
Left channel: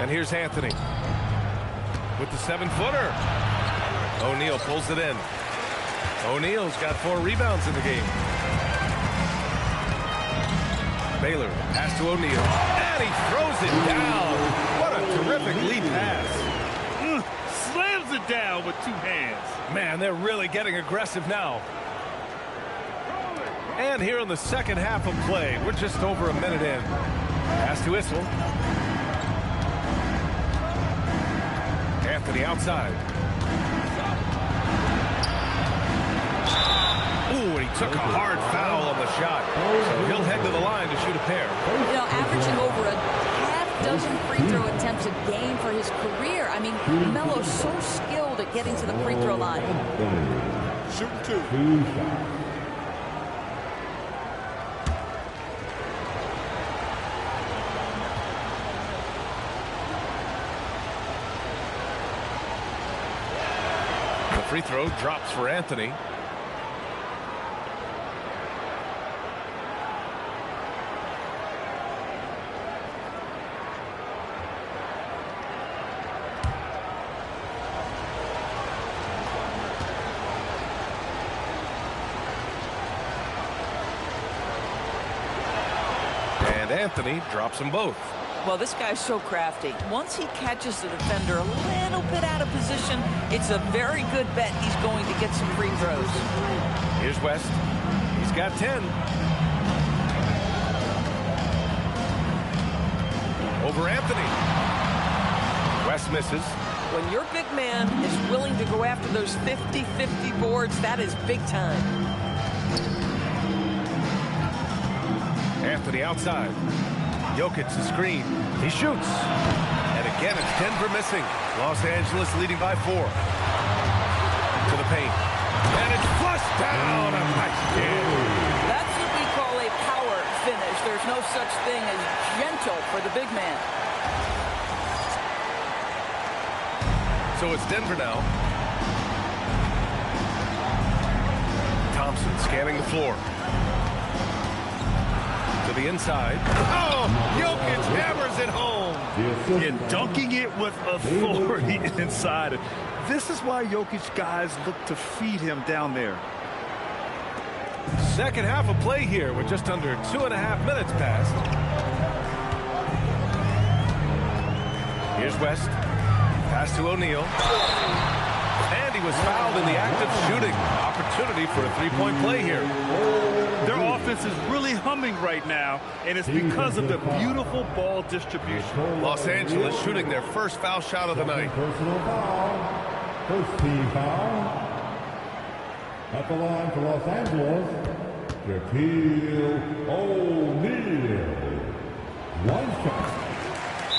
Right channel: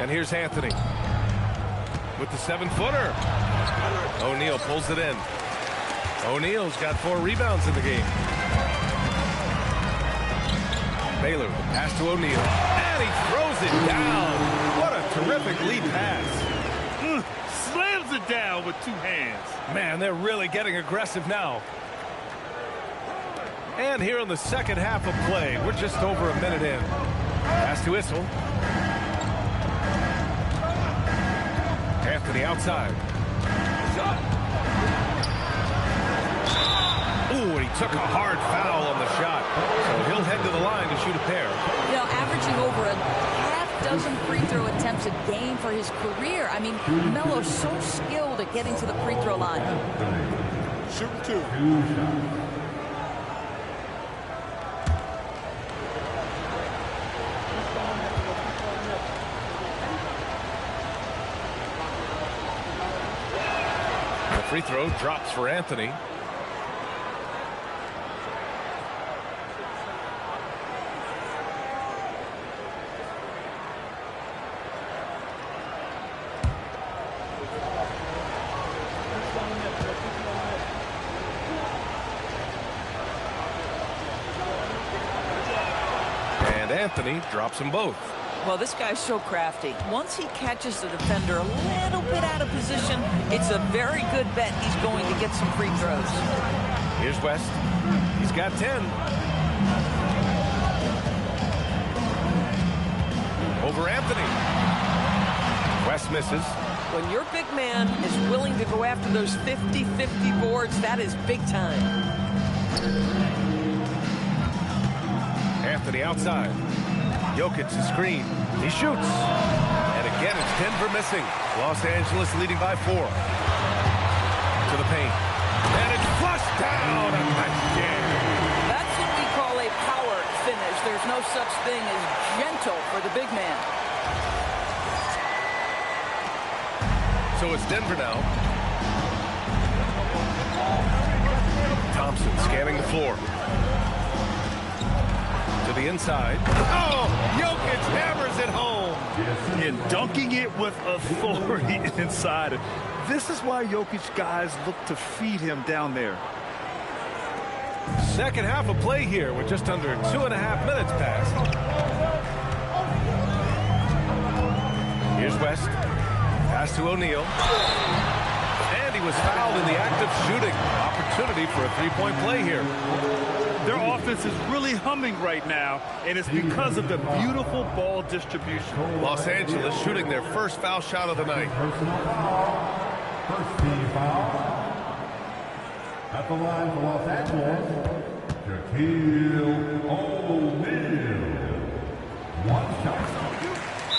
And here's Anthony with the 7-footer. O'Neal pulls it in. O'Neal's got 4 rebounds in the game. Baylor, the pass to O'Neal. And he throws it down. What a terrific lead pass. Slams it down with 2 hands. Man, they're really getting aggressive now. And here in the second half of play, we're just over a minute in. Pass to Issel. Anthony outside. Ooh, and he took a hard foul on the shot. So he'll head to the line to shoot a pair. You know, averaging over a half-dozen free throw attempts a game for his career. I mean, Melo's so skilled at getting to the free throw line. Shooting 2. 2 shots. The free throw drops for Anthony. And Anthony drops them both. Well, this guy's so crafty. Once he catches the defender a little bit out of position, it's a very good bet he's going to get some free throws. Here's West. He's got 10. Over Anthony. West misses. When your big man is willing to go after those 50-50 boards, that is big time. Anthony outside. Jokic the screen. He shoots. And again, it's Denver missing. Los Angeles leading by 4. To the paint. And it's flushed down. A nice jam. That's what we call a power finish. There's no such thing as gentle for the big man. So it's Denver now. Thompson scanning the floor. To the inside. Oh, Jokic hammers it home. And dunking it with authority inside. This is why Jokic guys look to feed him down there. Second half of play here with just under 2.5 minutes passed. Here's West. Pass to O'Neal. And he was fouled in the act of shooting. Opportunity for a 3-point play here. Their offense is really humming right now, and it's because of the beautiful ball distribution. Los Angeles shooting their first foul shot of the night. Personal foul. First team foul. At the line for Los Angeles, Shaquille O'Neal. 1 shot.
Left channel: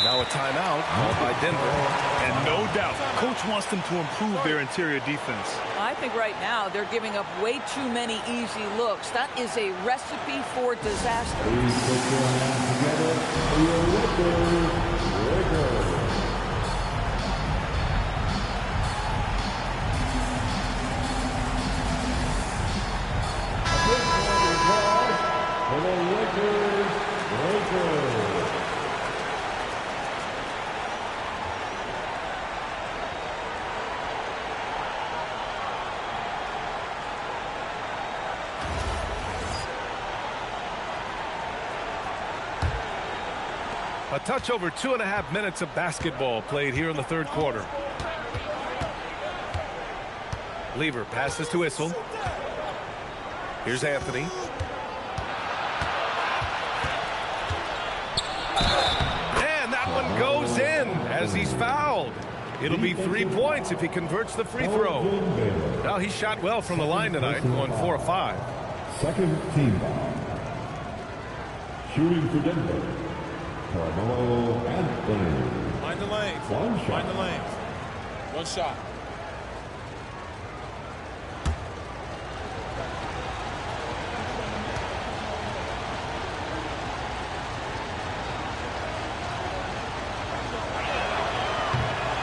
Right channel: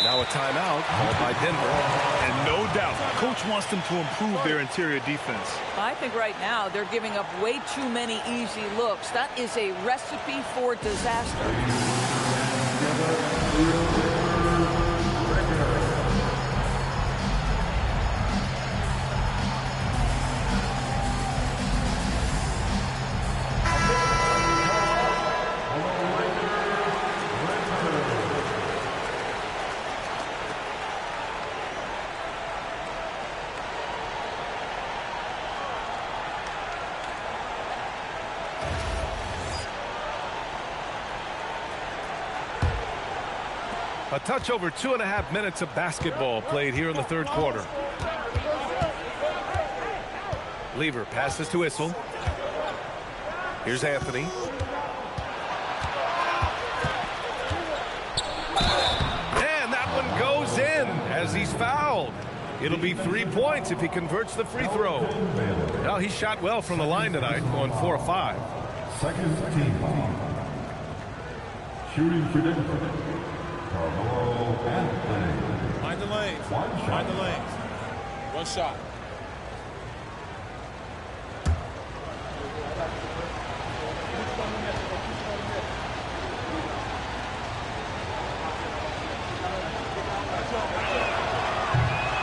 Now a timeout called by Denver. And no doubt, Coach wants them to improve their interior defense. I think right now they're giving up way too many easy looks. That is a recipe for disaster. Please put your hands together for your Lakers. For the Lakers. A touch over 2.5 minutes of basketball played here in the third quarter. Lever passes to Issel. Here's Anthony. And that one goes in as he's fouled. It'll be 3 points if he converts the free throw. Now, he shot well from the line tonight, going 4 of 5. Second team foul. Shooting for Denver, Carmelo Anthony. Mind the lanes. One shot. Mind the lanes. One shot.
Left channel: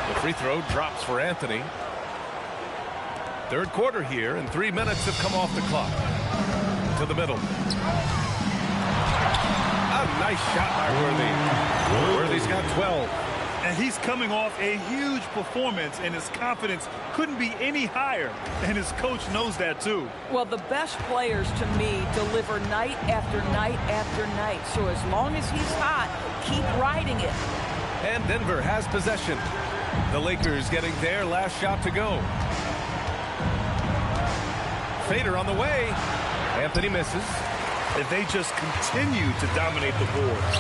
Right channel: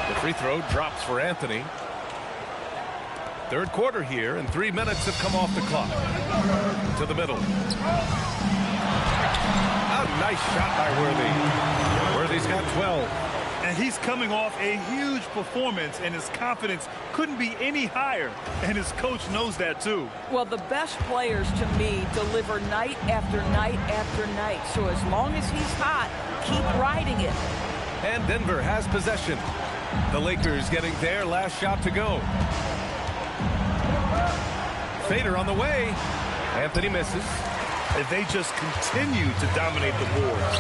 The free throw drops for Anthony. Third quarter here, and 3 minutes have come off the clock. To the middle. A nice shot by Worthy. Worthy's got 12. And he's coming off a huge performance, and his confidence couldn't be any higher. And his coach knows that, too. Well, the best players, to me, deliver night after night after night. So as long as he's hot, keep riding it. And Denver has possession. The Lakers getting their last shot to go. Fader on the way. Anthony misses. And they just continue to dominate the boards.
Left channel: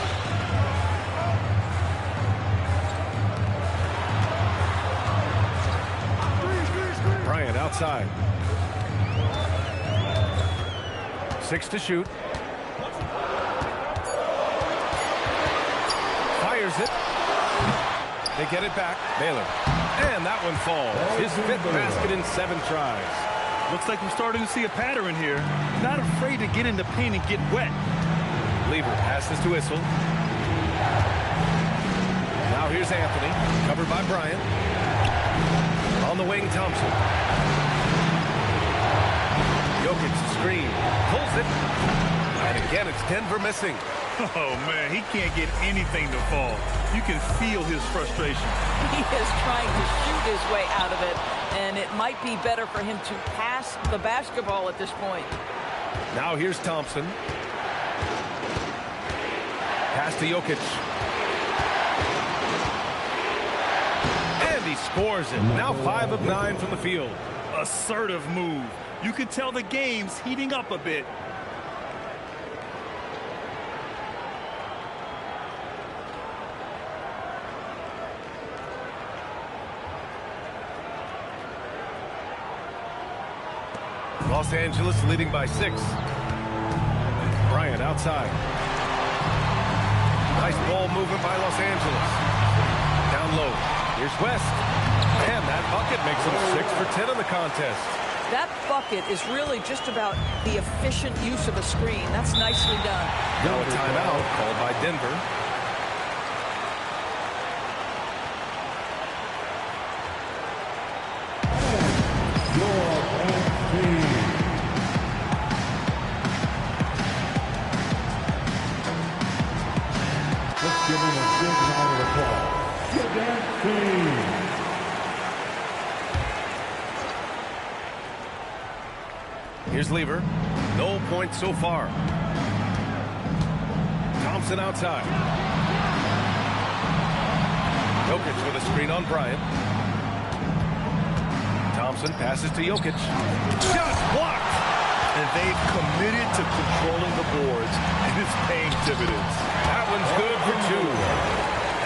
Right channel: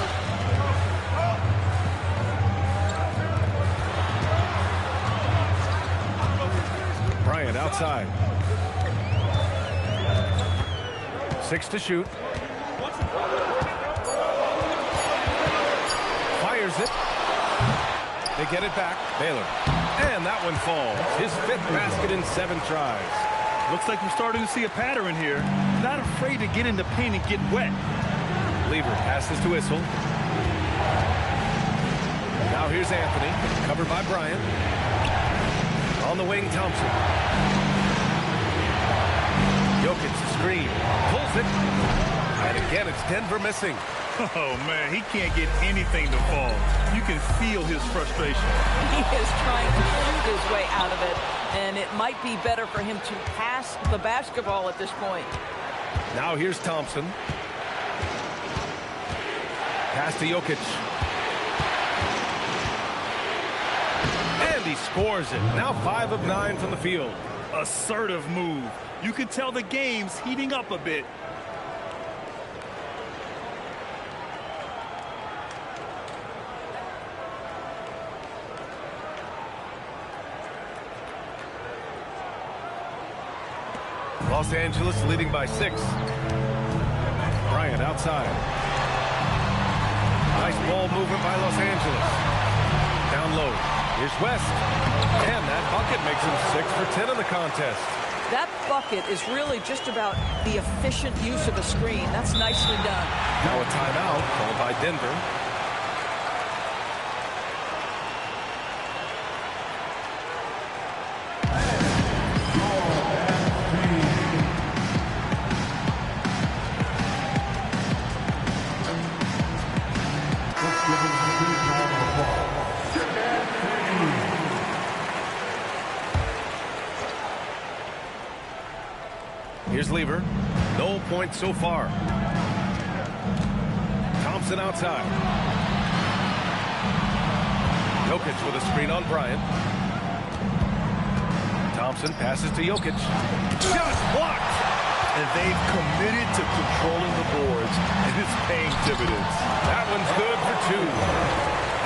Bryant outside. 6 to shoot. Fires it. They get it back. Baylor. And that one falls. His 5th basket in 7 tries. Looks like we're starting to see a pattern here. Not afraid to get in the paint and get wet. Lever passes to Issel. Now here's Anthony, covered by Bryant. On the wing, Thompson. Jokic screen, pulls it. And again, it's Denver missing. Oh, man, he can't get anything to fall. You can feel his frustration. He is trying to shoot his way out of it, and it might be better for him to pass the basketball at this point. Now here's Thompson. Pass to Jokic. And he scores it. Now 5 of 9 from the field. Assertive move. You can tell the game's heating up a bit. Los Angeles leading by 6. Bryant outside. Nice ball movement by Los Angeles. Down low. Here's West. And that bucket makes him 6 for 10 in the contest. That bucket is really just about the efficient use of a screen. That's nicely done. Now a timeout called by Denver. Here's Lever. No points so far. Thompson outside. Jokic with a screen on Bryant. Thompson passes to Jokic. Shot blocked. And they've committed to controlling the boards, and it's paying dividends. That one's good for 2.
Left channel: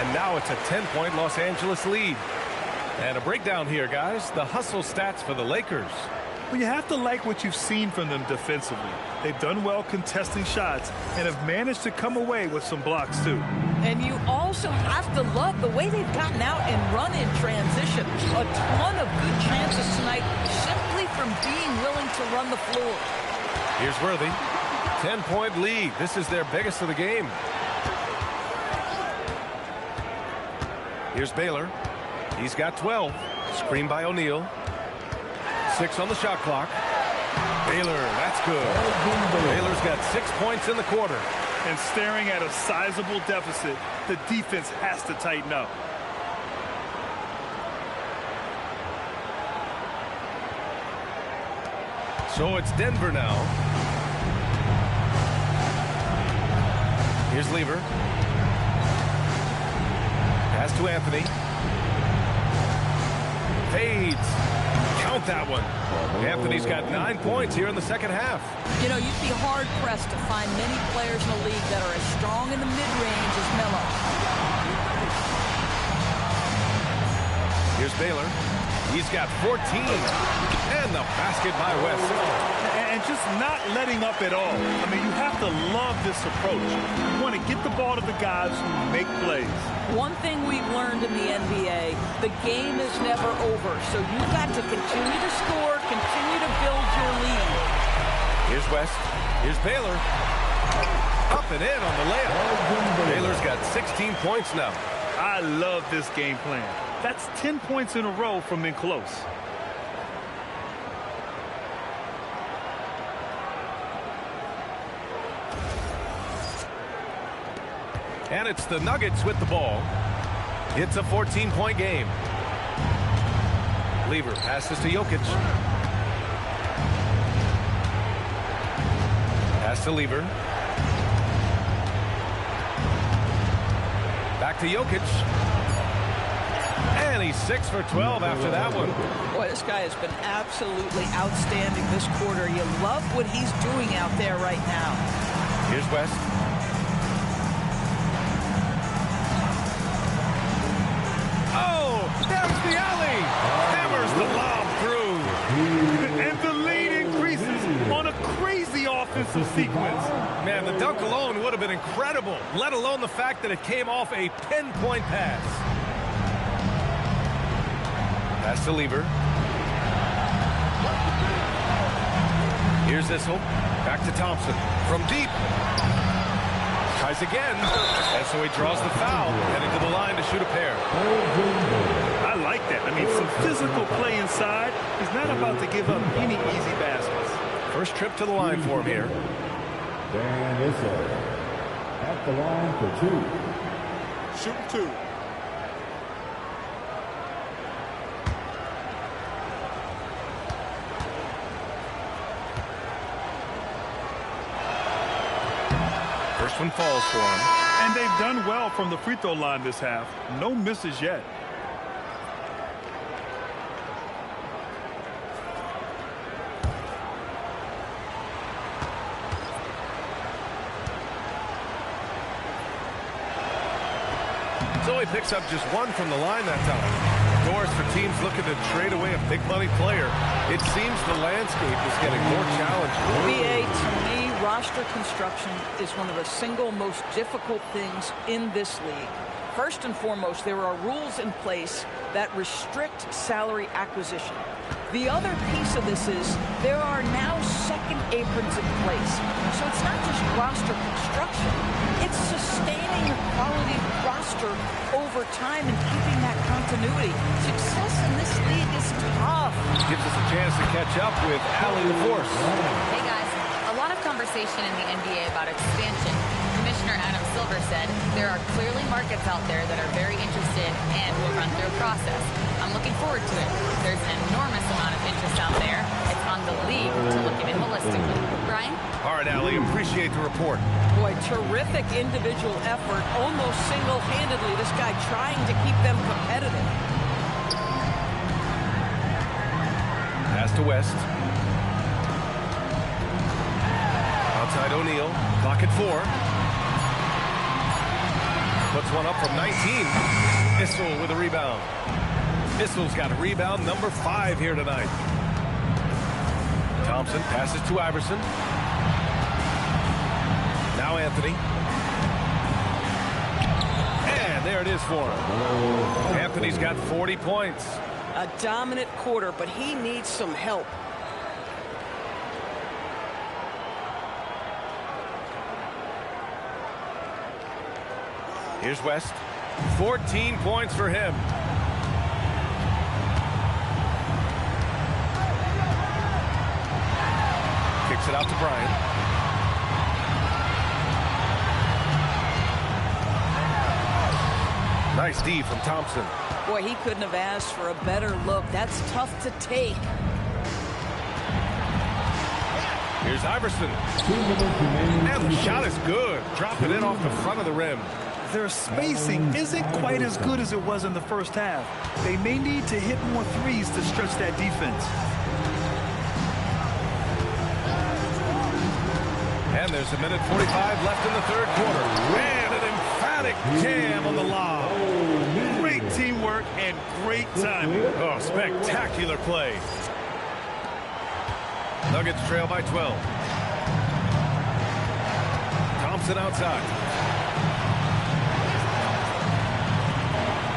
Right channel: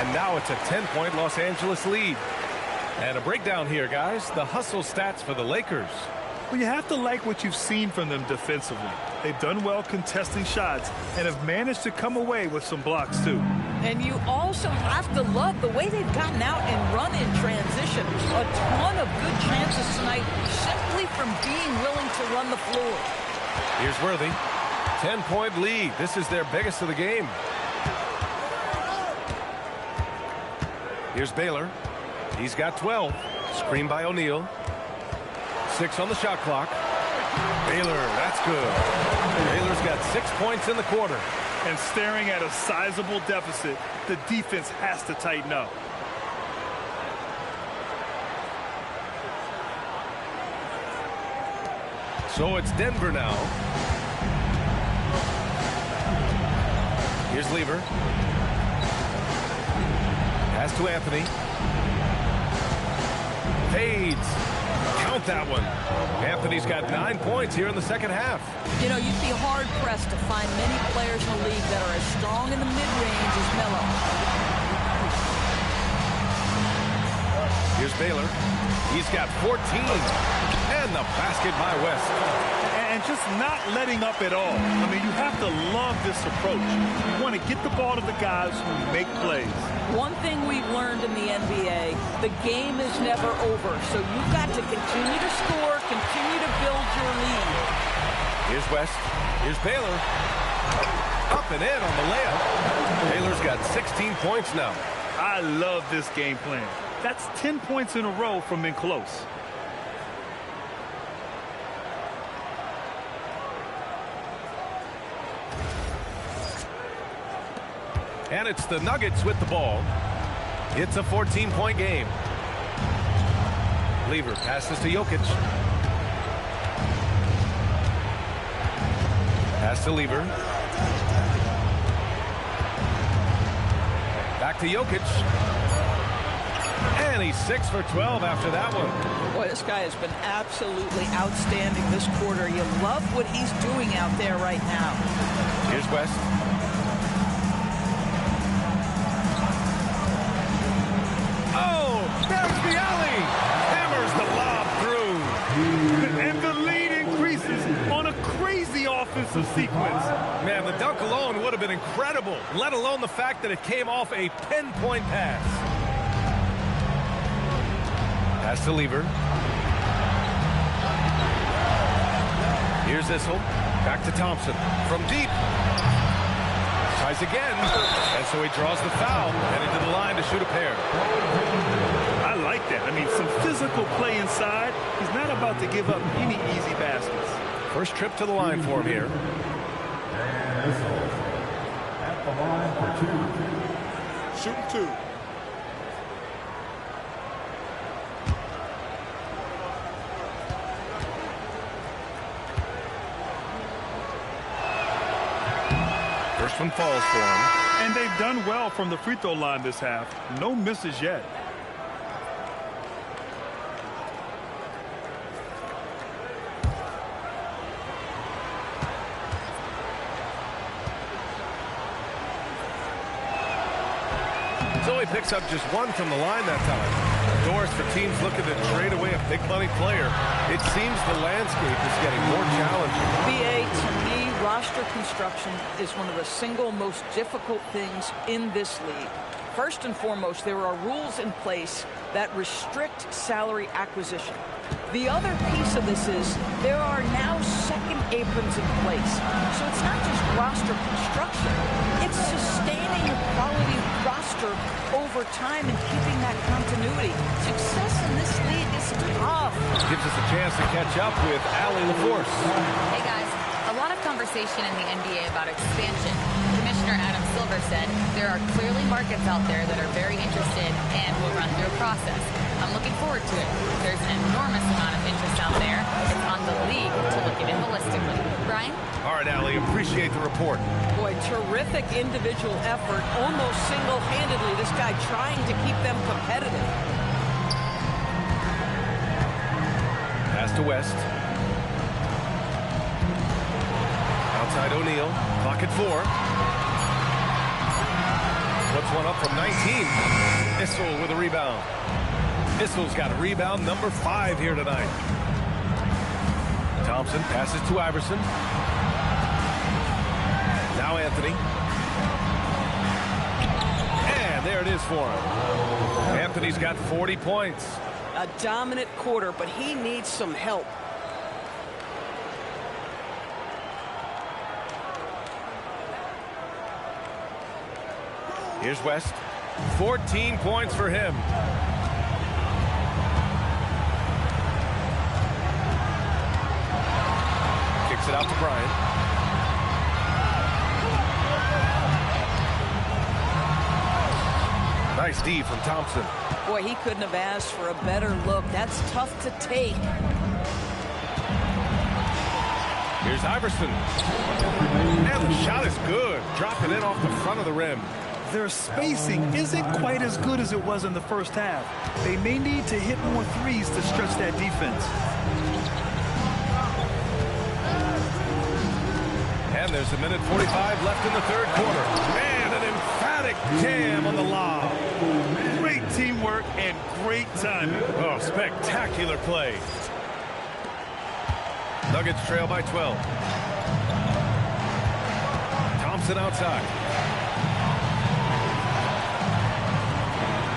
And now it's a 10-point Los Angeles lead. And a breakdown here, guys. The hustle stats for the Lakers. Well, you have to like what you've seen from them defensively. They've done well contesting shots and have managed to come away with some blocks, too. And you also have to love the way they've gotten out and run in transition. A ton of good chances tonight simply from being willing to run the floor. Here's Worthy. 10-point lead. This is their biggest of the game. Here's Baylor. He's got 12. Screen by O'Neal. 6 on the shot clock. Baylor, that's good. Baylor's got 6 points in the quarter. And staring at a sizable deficit, the defense has to tighten up. So it's Denver now. Here's Lever. Pass to Anthony. Fades. Count that one. Anthony's got 9 points here in the second half. You know, you'd be hard-pressed to find many players in the league that are as strong in the mid-range as Melo. Here's Baylor. He's got 14. And the basket by West. And just not letting up at all. I mean, you have to love this approach. You want to get the ball to the guys who make plays. One thing we've learned in the NBA, the game is never over. So you've got to continue to score, continue to build your lead. Here's West. Here's Baylor. Up and in on the layup. Baylor's got 16 points now. I love this game plan. That's 10 points in a row from in close. And it's the Nuggets with the ball. It's a 14-point game. Lever passes to Jokic. Pass to Lever. Back to Jokic. And he's 6 for 12 after that one. Boy, this guy has been absolutely outstanding this quarter. You love what he's doing out there right now. Here's West. Oh, there's the alley. Hammers the lob through. And the lead increases on a crazy offensive sequence. Man, the dunk alone would have been incredible, let alone the fact that it came off a pinpoint pass. Pass to Lever. Here's Issel. Back to Thompson. From deep. Tries again. And so he draws the foul. Heading to the line to shoot a pair. I like that. I mean, some physical play inside. He's not about to give up any easy baskets. First trip to the line for him here. Dan Issel at the line for 2. Shooting 2. First one falls for him. And they've done well from the free throw line this half. No misses yet. So he picks up just one from the line that time. Doors for teams looking to trade away a big money player. It seems the landscape is getting more challenging. BA, to me, roster construction is one of the single most difficult things in this league. First and foremost, there are rules in place that restrict salary acquisition. The other piece of this is there are now second aprons in place. So it's not just roster construction. It's sustaining a quality roster over time and keeping that continuity. Success in this league is tough. Gives us a chance to catch up with Allie LaForce. Hey guys, a lot of conversation in the NBA about expansion. Commissioner Adam Silver said there are clearly markets out there that are very interested and will run through a process. I'm looking forward to it. There's an enormous amount of interest out there. It's on the league to look at it holistically. Brian? All right, Allie, appreciate the report. Boy, terrific individual effort, almost single-handedly, this guy trying to keep them competitive. Pass to West. Outside O'Neal. Clock at 4. Puts one up from 19. Issel with a rebound. Issel's got a rebound number 5 here tonight. Thompson passes to Iverson. Now Anthony. And there it is for him. Anthony's got 40 points. A dominant quarter, but he needs some help. Here's West. 14 points for him. Kicks it out to Bryant. Nice D from Thompson. Boy, he couldn't have asked for a better look. That's tough to take. Here's Iverson. And the shot is good. Dropping in off the front of the rim. Their spacing isn't quite as good as it was in the first half. They may need to hit more threes to stretch that defense. And there's a minute 45 left in the third quarter. And an emphatic jam on the lob. Great teamwork and great timing. Oh, spectacular play. Nuggets trail by 12. Thompson outside.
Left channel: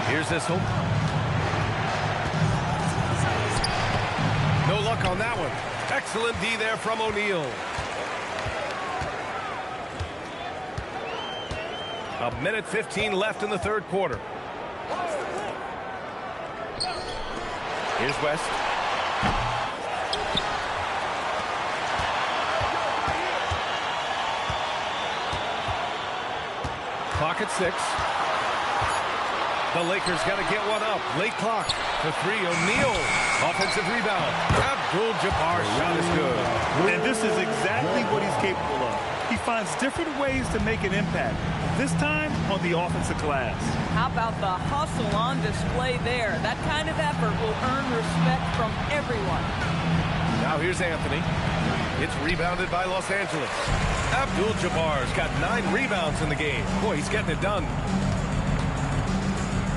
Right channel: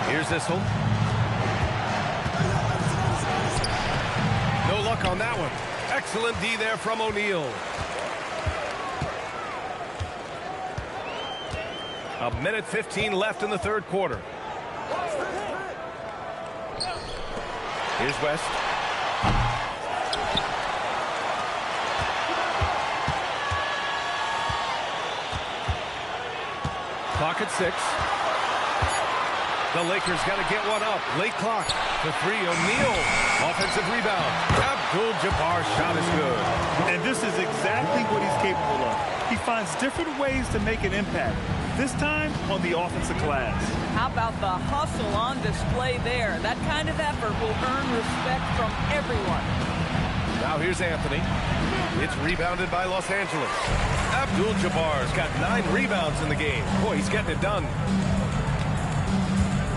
Here's Issel. No luck on that one. Excellent D there from O'Neal. A minute 15 left in the third quarter. Here's West. Clock at 6. The Lakers got to get one up. Late clock. The three, O'Neal. Offensive rebound. Abdul-Jabbar's shot is good. And this is exactly what he's capable of. He finds different ways to make an impact. This time on the offensive glass. How about the hustle on display there? That kind of effort will earn respect from everyone. Now here's Anthony. It's rebounded by Los Angeles. Abdul-Jabbar's got 9 rebounds in the game. Boy, he's getting it done.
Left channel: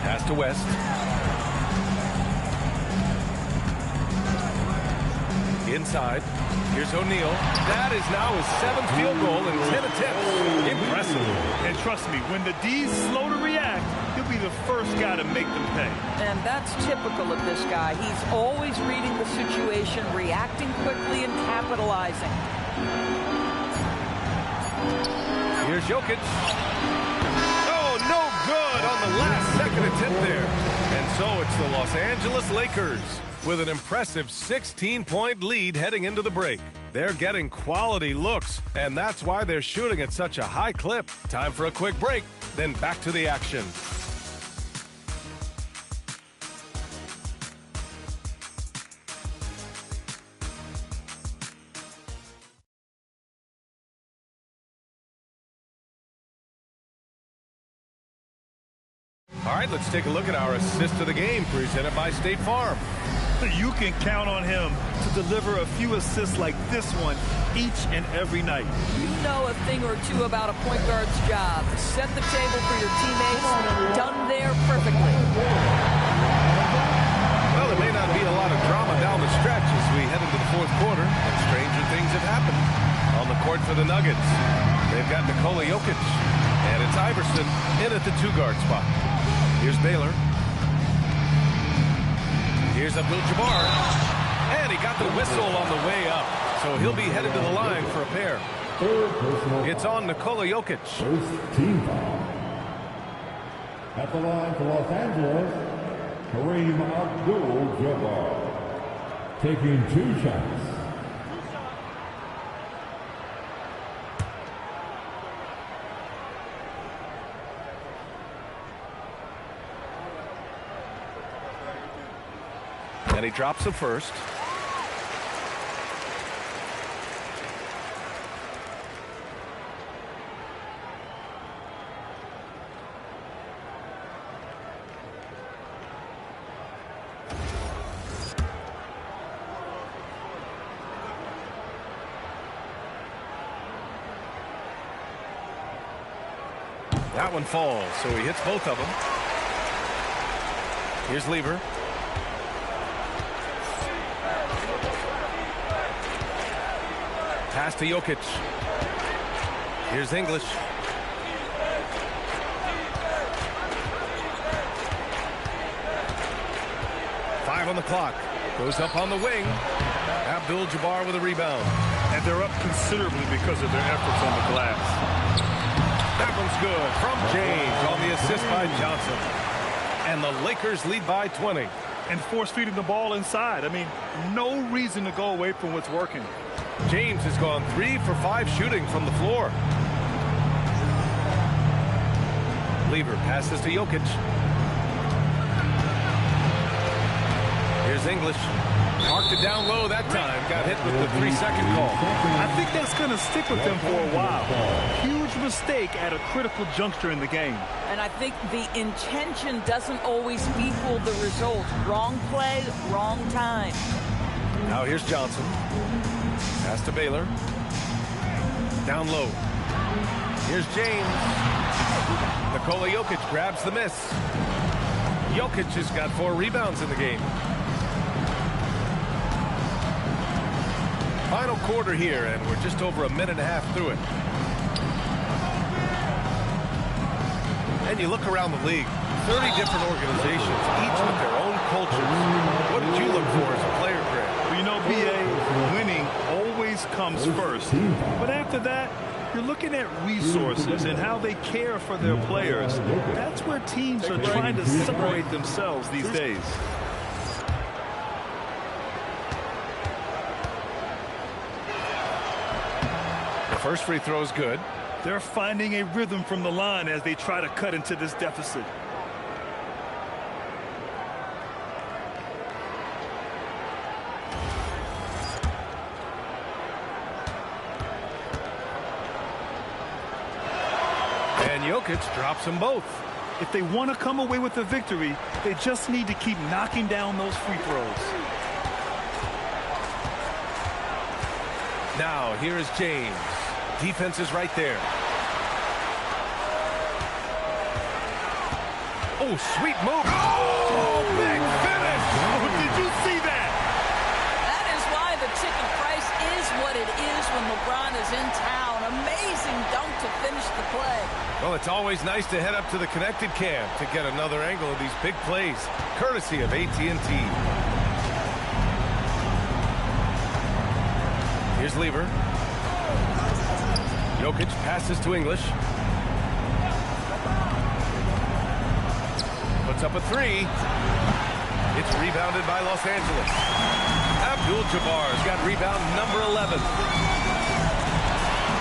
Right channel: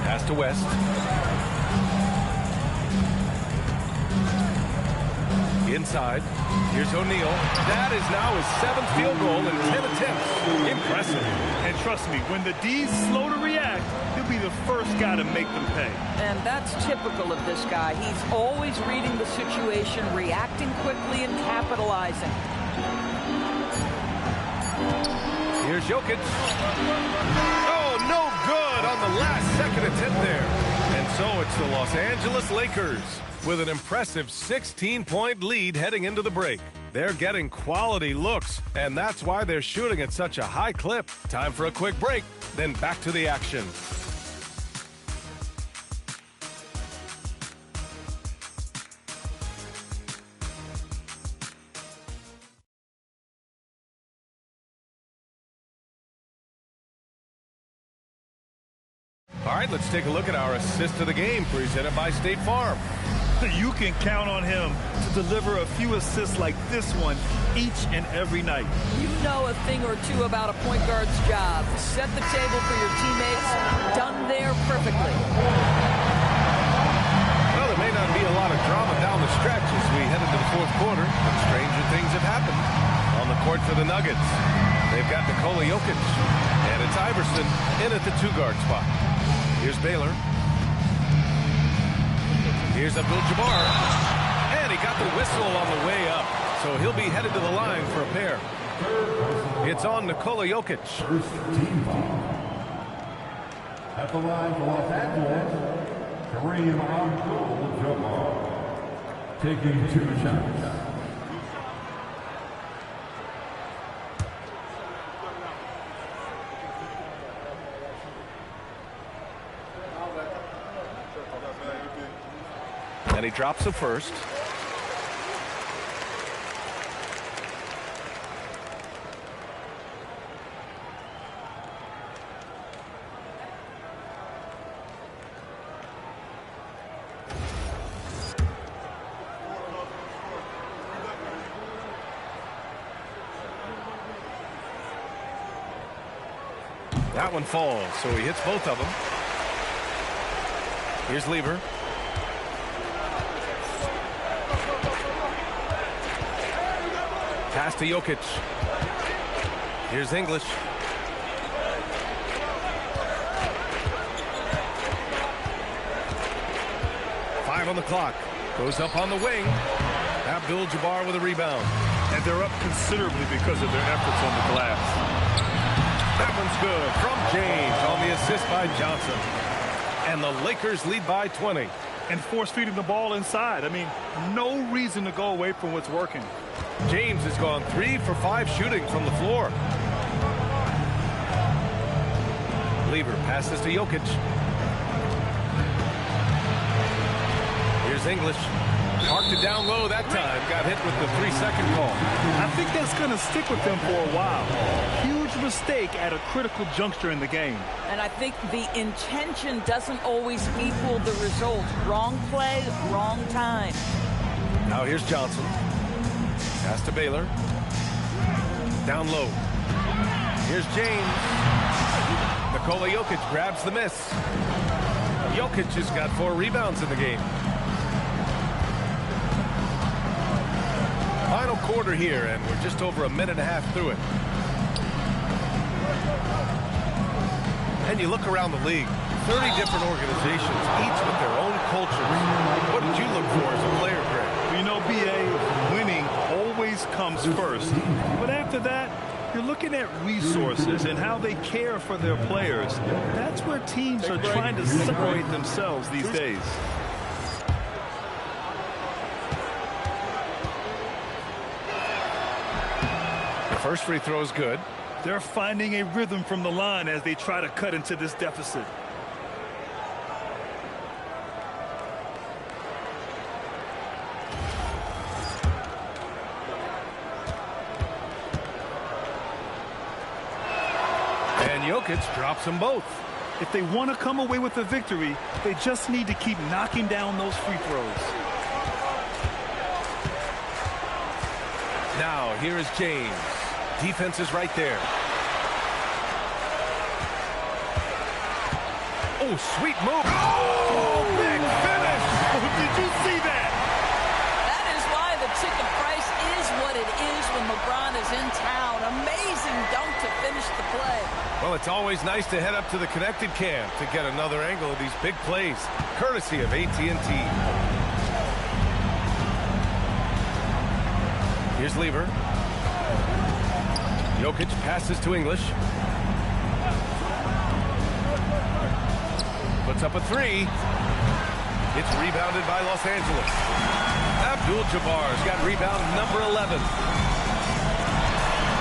Pass to West. Inside. Here's O'Neal. That is now his 7th field goal in 10 attempts. Impressive. And trust me, when the D's slow to react, he'll be the first guy to make them pay. And that's typical of this guy. He's always reading the situation, reacting quickly, and capitalizing. Here's Jokic. Oh, no good on the last second attempt there. And so it's the Los Angeles Lakers with an impressive 16-point lead heading into the break. They're getting quality looks, and that's why they're shooting at such a high clip. Time for a quick break, then back to the action. All right, let's take a look at our assist of the game presented by State Farm. You can count on him to deliver a few assists like this one each and every night. You know a thing or two about a point guard's job. Set the table for your teammates. Done there perfectly. Well, there may not be a lot of drama down the stretch as we head into the fourth quarter, but stranger things have happened. On the court for the Nuggets, they've got Nikola Jokic, and it's Iverson in at the 2-guard spot. Here's Baylor. Here's Abdul-Jabbar. And he got the whistle on the way up. So he'll be headed to the line for a pair. It's on Nikola Jokic. First team foul. At the line for Los Angeles, Kareem Abdul-Jabbar. Taking 2 shots. And he drops the first. That one falls, so he hits both of them. Here's Lever. Pass to Jokic. Here's English. Five on the clock. Goes up on the wing. Abdul-Jabbar with a rebound. And they're up considerably because of their efforts on the glass. That one's good from James on the assist by Johnson. And the Lakers lead by 20. And force feeding the ball inside. I mean, no reason to go away from what's working. James has gone 3 for 5 shooting from the floor. Lever passes to Jokic. Here's English. Parked it down low that time. Got hit with the 3-second call. I think that's going to stick with them for a while. Huge mistake at a critical juncture in the game. And I think the intention doesn't always equal the result. Wrong play, wrong time. Now here's Johnson. Pass to Baylor. Down low. Here's James. Nikola Jokic grabs the miss. Jokic has got 4 rebounds in the game. Final quarter here, and we're just over a minute and a half through it. And you look around the league, 30 different organizations, each with their own cultures. What did you look for as a player, Greg? Well, you know, B.A., winning always comes first. But after that, you're looking at resources and how they care for their players. That's where teams are trying to separate themselves these days. The first free throw is good. They're finding a rhythm from the line as they try to cut into this deficit. And Jokic drops them both. If they want to come away with the victory, they just need to keep knocking down those free throws. Now, here is James. Defense is right there. Oh, sweet move. Oh, big finish. Oh, did you see that? That is why the ticket price is what it is when LeBron is in town. Amazing dunk to finish the play. Well, it's always nice to head up to the connected cam to get another angle of these big plays, courtesy of AT&T. Here's Lever. Jokic passes to English. Puts up a 3. It's rebounded by Los Angeles. Abdul-Jabbar's got rebound number 11.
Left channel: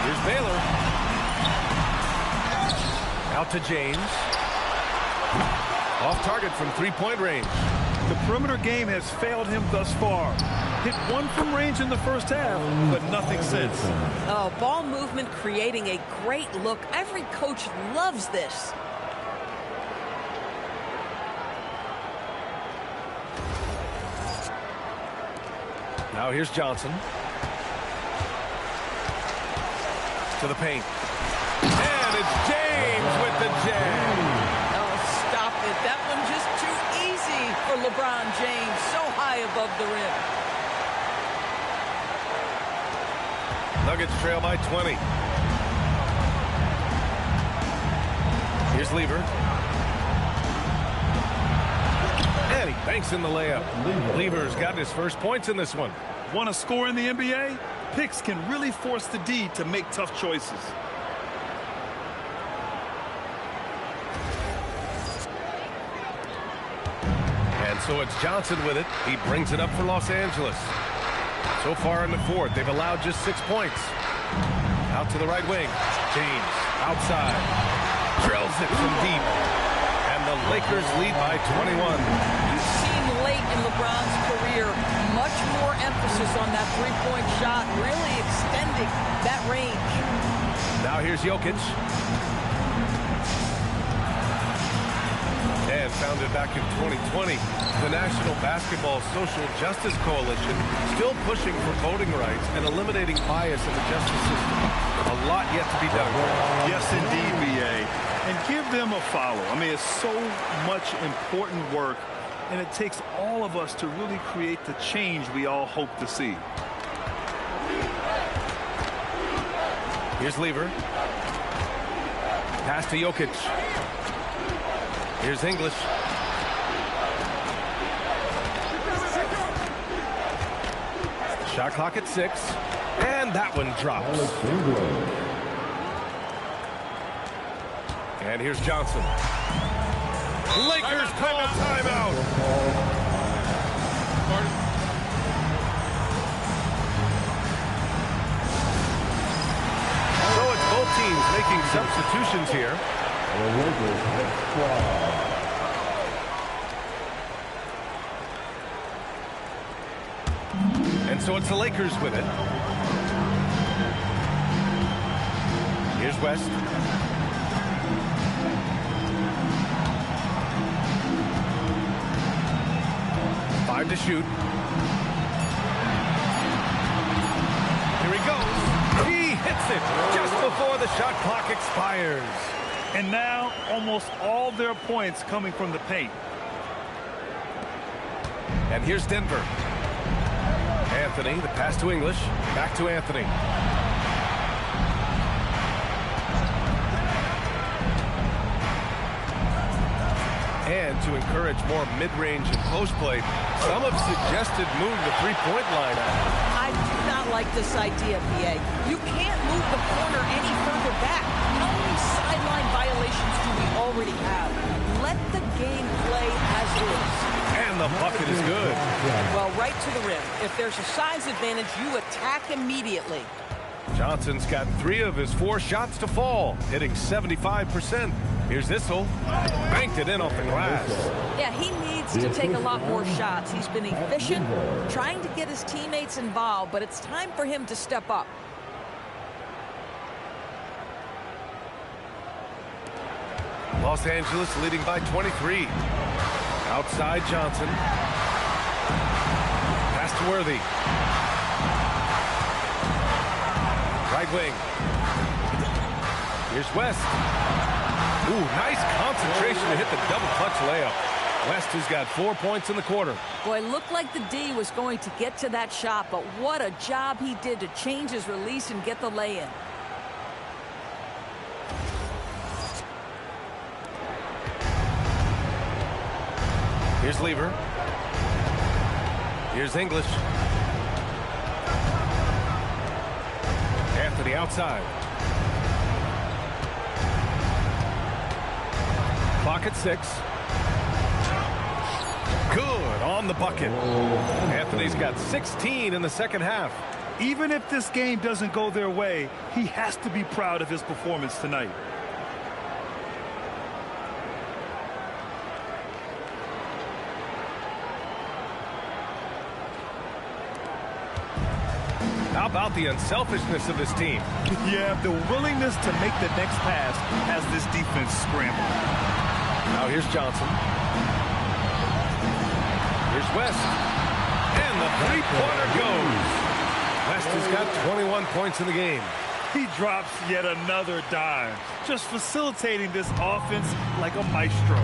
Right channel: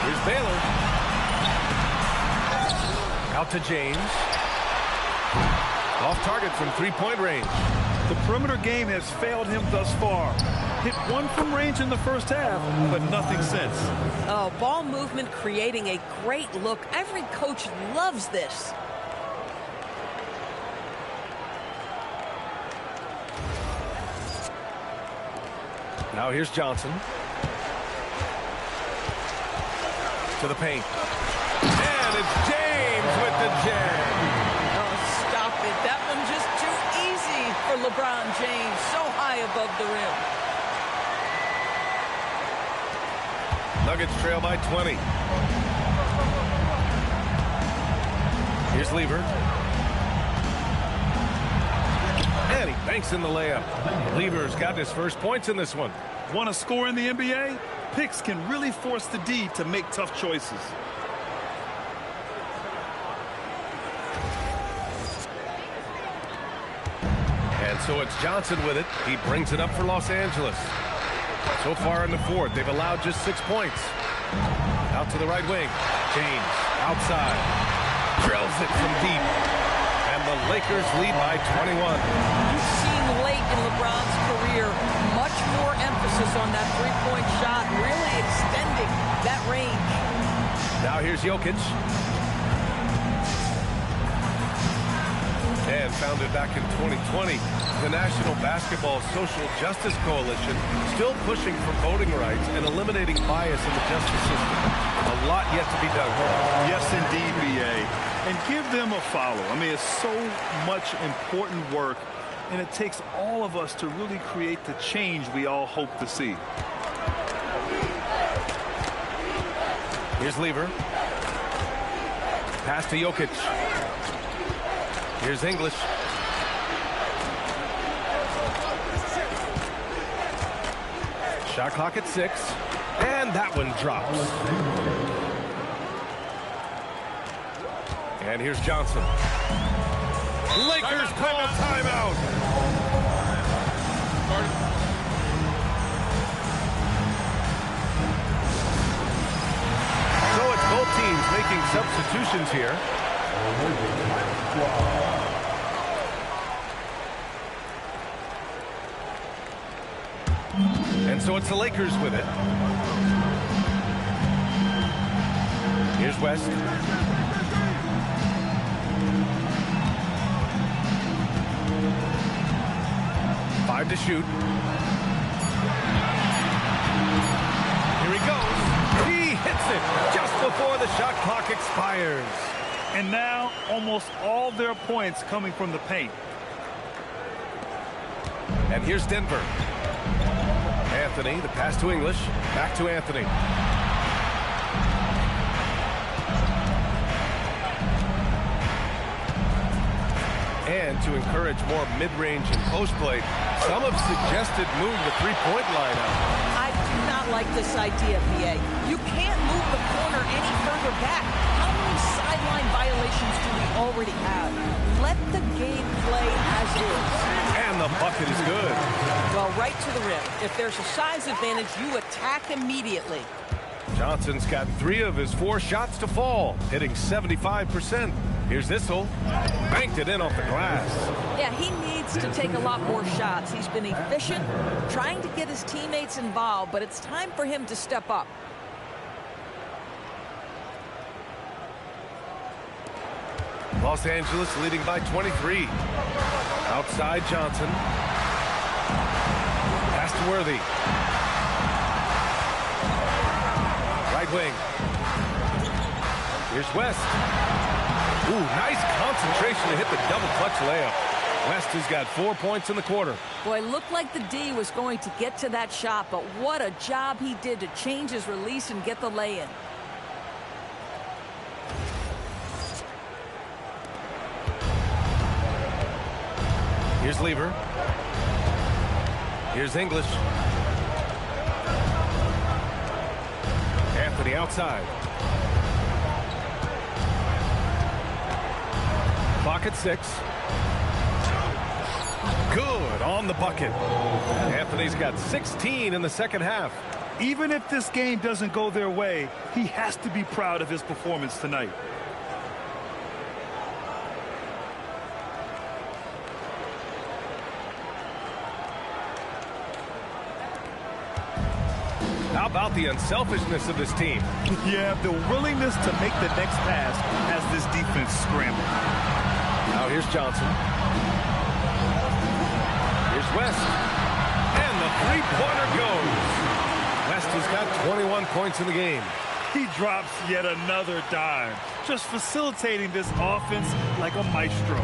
Here's Baylor. Out to James. Off target from 3-point range. The perimeter game has failed him thus far. Hit 1 from range in the first half, but nothing since. Oh, ball movement creating a great look. Every coach loves this. Now here's Johnson. To the paint. And it's James with the jam. Oh, stop it. That one just too easy for LeBron James. So high above the rim. Nuggets trail by 20. Here's Lever. And he banks in the layup. Lever's got his first points in this one. Want to score in the NBA? Picks can really force the D to make tough choices. And so it's Johnson with it. He brings it up for Los Angeles. So far in the fourth, they've allowed just 6 points. Out to the right wing. James outside. Drills it from deep. And the Lakers lead by 21. You've seen late in LeBron's career much more emphasis on that three-point shot, really extending that range. Now here's Jokic. And founded back in 2020, the National Basketball Social Justice Coalition still pushing for voting rights and eliminating bias in the justice system. A lot yet to be done, Greg. Yes, indeed, B.A. And give them a follow. I mean, it's so much important work, and it takes all of us to really create the change we all hope to see. Here's Lever. Pass to Jokic. Here's English. Shot clock at 6. And that one drops. And here's Johnson. Lakers call timeout. So it's both teams making substitutions here. And so it's the Lakers with it. Here's West. Five to shoot. Here he goes. He hits it just before the shot clock expires. And now almost all their points coming from the paint. And here's Denver. Anthony, the pass to English. Back to Anthony. And to encourage more mid-range and post play, some have suggested moving the three-point line out. I do not like this idea, PA. You can't move the corner any further back. How many sideline violations do we already have? Let the game play as is. And the bucket is good. Well, right to the rim. If there's a size advantage, you attack immediately. Johnson's got 3 of his 4 shots to fall, hitting 75%. Here's Issel. Banked it in off the glass. Yeah, he needs to take a lot more shots. He's been efficient, trying to get his teammates involved, but it's time for him to step up. Los Angeles leading by 23. Outside Johnson. Pass to Worthy. Right wing. Here's West. Ooh, nice concentration to hit the double clutch layup. West has got 4 points in the quarter. Boy, looked like the D was going to get to that shot, but what a job he did to change his release and get the lay-in. Here's Lever. Here's English. Anthony outside. Clock at 6. Good on the bucket. Anthony's got 16 in the second half. Even if this game doesn't go their way, he has to be proud of his performance tonight. How about the unselfishness of this team? Yeah, the willingness to make the next pass has this defense scrambled. Now here's Johnson. Here's West. And the three-pointer goes. West has got 21 points in the game. He drops yet another dime, just facilitating this offense like a maestro.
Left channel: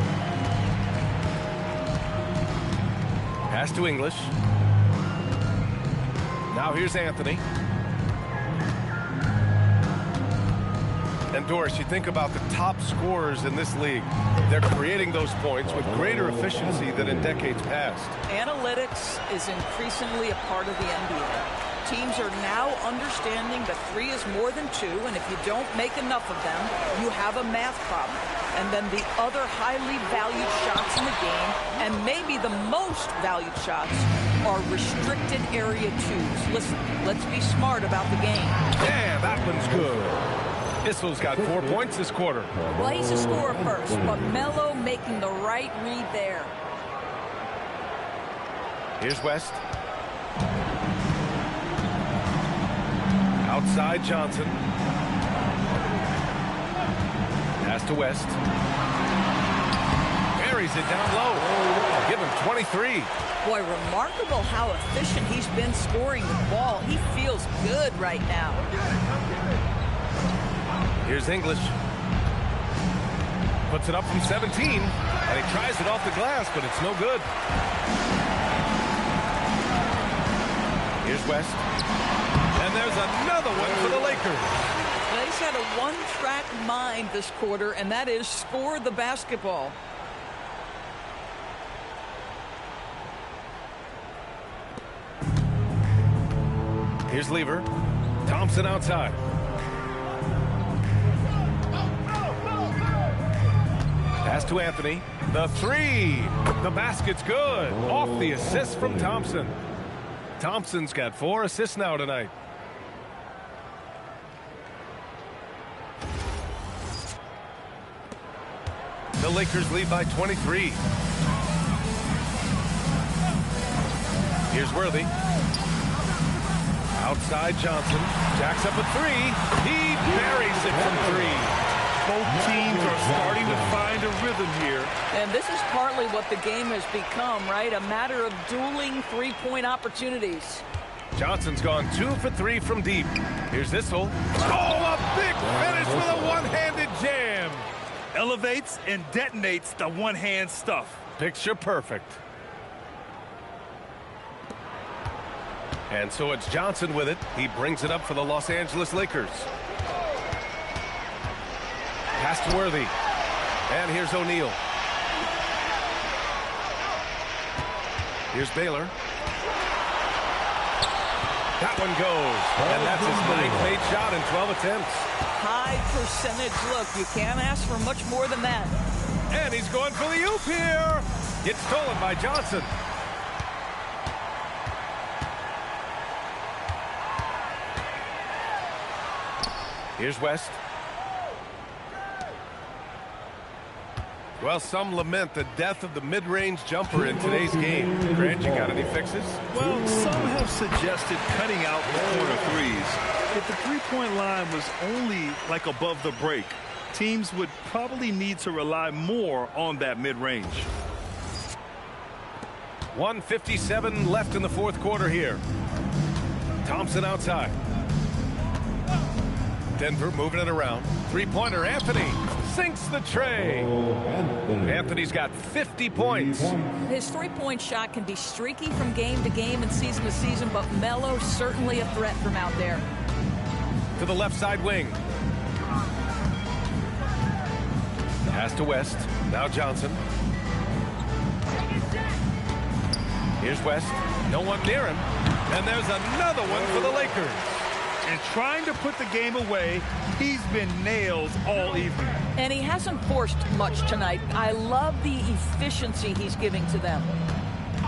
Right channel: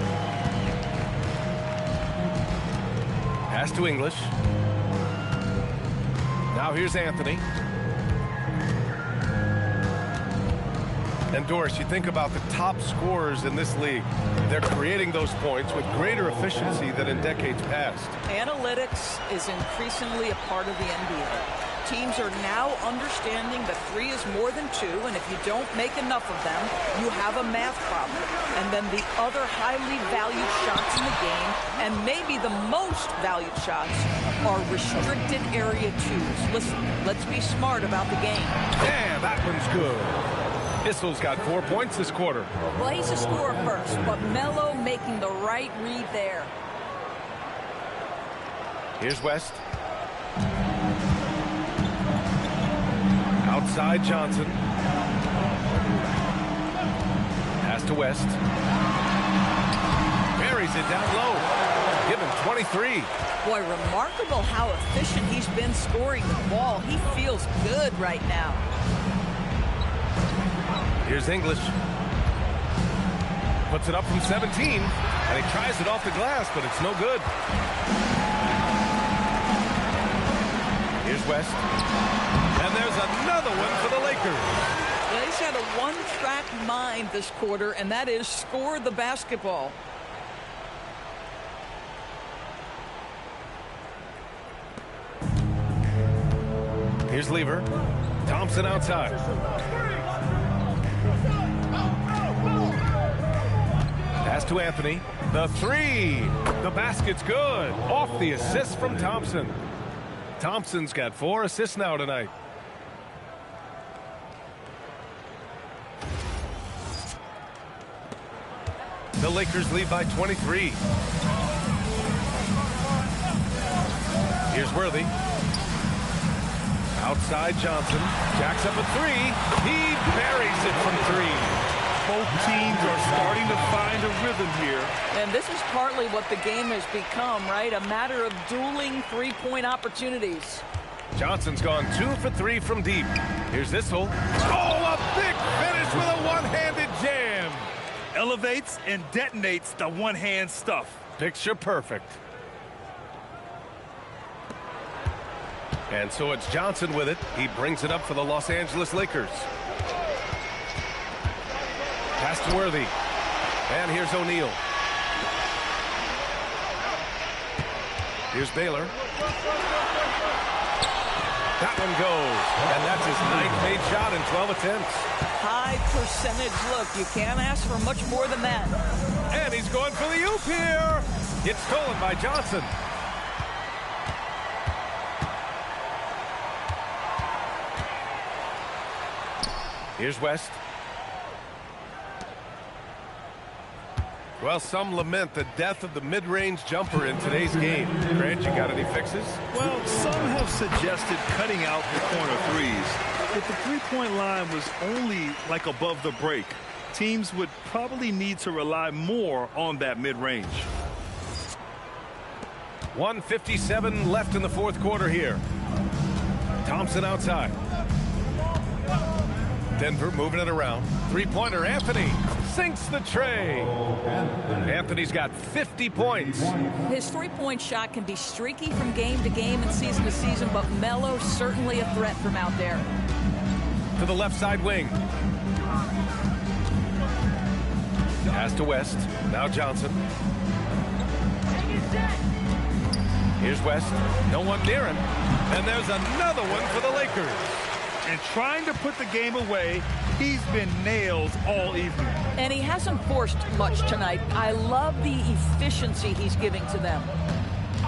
Pass to English. Now here's Anthony. And Doris, you think about the top scorers in this league. They're creating those points with greater efficiency than in decades past. Analytics is increasingly a part of the NBA. Teams are now understanding that 3 is more than 2, and if you don't make enough of them, you have a math problem. And then the other highly valued shots in the game, and maybe the most valued shots, are restricted area 2s. Listen, let's be smart about the game. Yeah, that one's good. Issel's got 4 points this quarter. Well, he's a scorer first, but Melo making the right read there. Here's West. Outside Johnson. Pass to West. Buries it down low. Give him 23. Boy, remarkable how efficient he's been scoring the ball. He feels good right now. Here's English. Puts it up from 17. And he tries it off the glass, but it's no good. Here's West. And there's another one for the Lakers. Well, he's had a one-track mind this quarter, and that is score the basketball. Here's Lever. Thompson outside. Pass to Anthony. The 3. The basket's good. Off the assist from Thompson. Thompson's got 4 assists now tonight. The Lakers lead by 23. Here's Worthy. Outside Johnson. Jacks up a 3. He buries it from 3. Both teams are starting to find a rhythm here. And this is partly what the game has become, right? A matter of dueling three-point opportunities. Johnson's gone 2 for 3 from deep. Here's Issel. Oh, a big finish with a one-handed jam. Elevates and detonates the one-hand stuff. Picture perfect. And so it's Johnson with it. He brings it up for the Los Angeles Lakers. Pass to Worthy. And here's O'Neal. Here's Baylor. That one goes. And that's his 9th made shot in 12 attempts. High percentage look. You can't ask for much more than that. And he's going for the oop here. Gets stolen by Johnson. Here's West. Well, some lament the death of the mid-range jumper in today's game. Grant, you got any fixes? Well, some have suggested cutting out the corner threes. If the three-point line was only like above the break, teams would probably need to rely more on that mid-range. 1:57 left in the fourth quarter here. Thompson outside. Denver moving it around. Three-pointer, Anthony sinks the tray. Anthony's got 50 points. His three-point shot can be streaky from game to game and season to season, but Melo certainly a threat from out there. To the left side wing. Pass to West. Now Johnson. Here's West. No one near him. And there's another one for the Lakers. And trying to put the game away, he's been nails all evening. And he hasn't forced much tonight. I love the efficiency he's giving to them.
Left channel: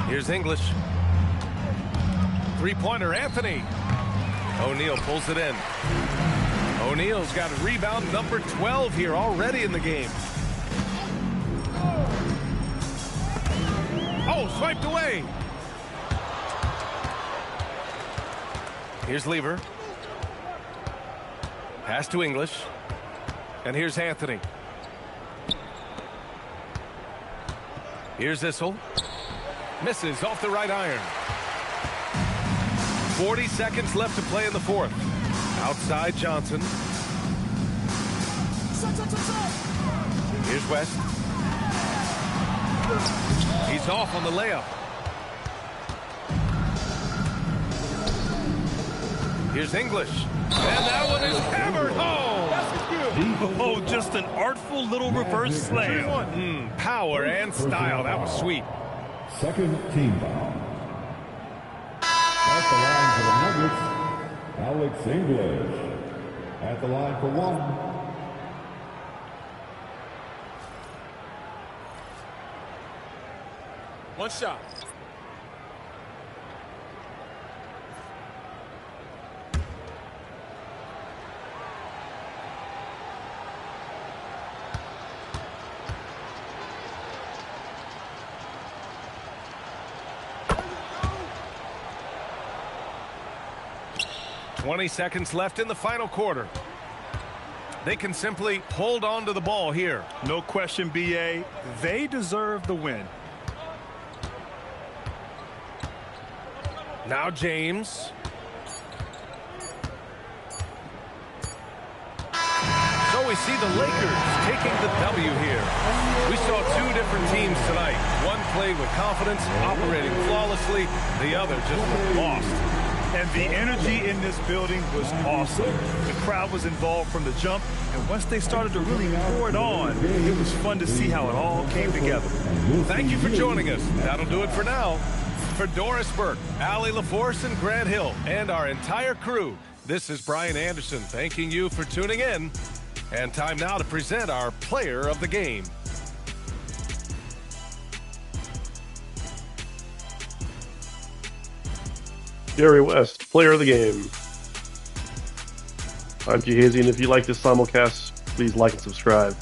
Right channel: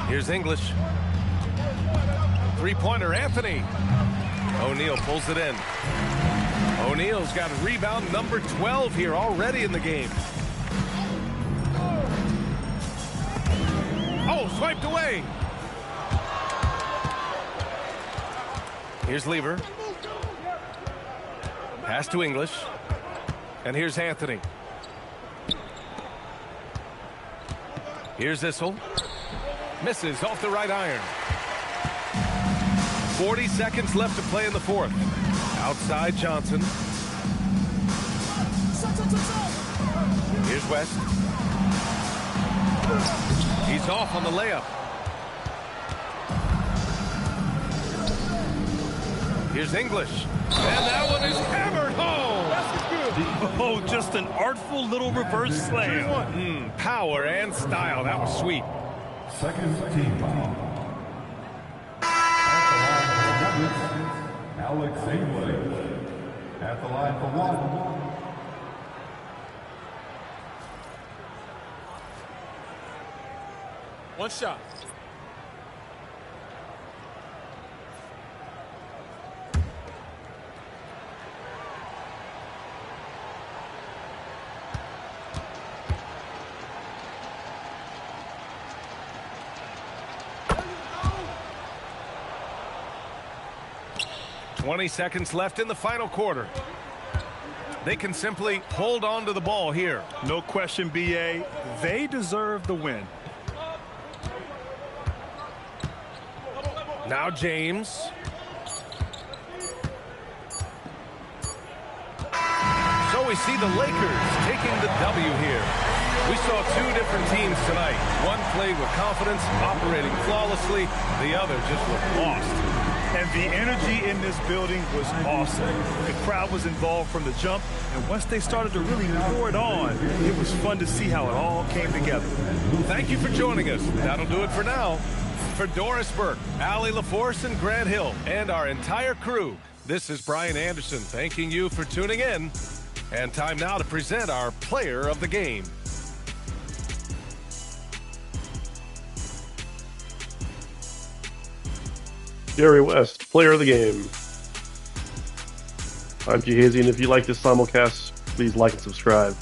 Here's English. Three-pointer, Anthony. O'Neal pulls it in. O'Neal's got rebound number 12 here already in the game. Oh, swiped away. Here's Lever. Pass to English. And here's Anthony. Here's Issel. Misses off the right iron. 40 seconds left to play in the fourth. Outside Johnson. Here's West. He's off on the layup. Here's English. And that one is hammered home. Oh, just an artful little reverse slam. Power and style. That was sweet. Second team foul. At the line for the Nuggets, Alex English. At the line for one. One shot. Twenty seconds left in the final quarter. They can simply hold on to the ball here. No question, B.A. They deserve the win. Now James. So we see the Lakers taking the W here. We saw two different teams tonight. One played with confidence, operating flawlessly. The other just looked lost. And the energy in this building was awesome. The crowd was involved from the jump, and once they started to really pour it on, it was fun to see how it all came together. Thank you for joining us. That'll do it for now. For Doris Burke, Allie LaForce, and Grant Hill, and our entire crew, this is Brian Anderson thanking you for tuning in. And time now to present our player of the game. Jerry West, player of the game. I'm G-Hazy, and if you like this simulcast, please like and subscribe.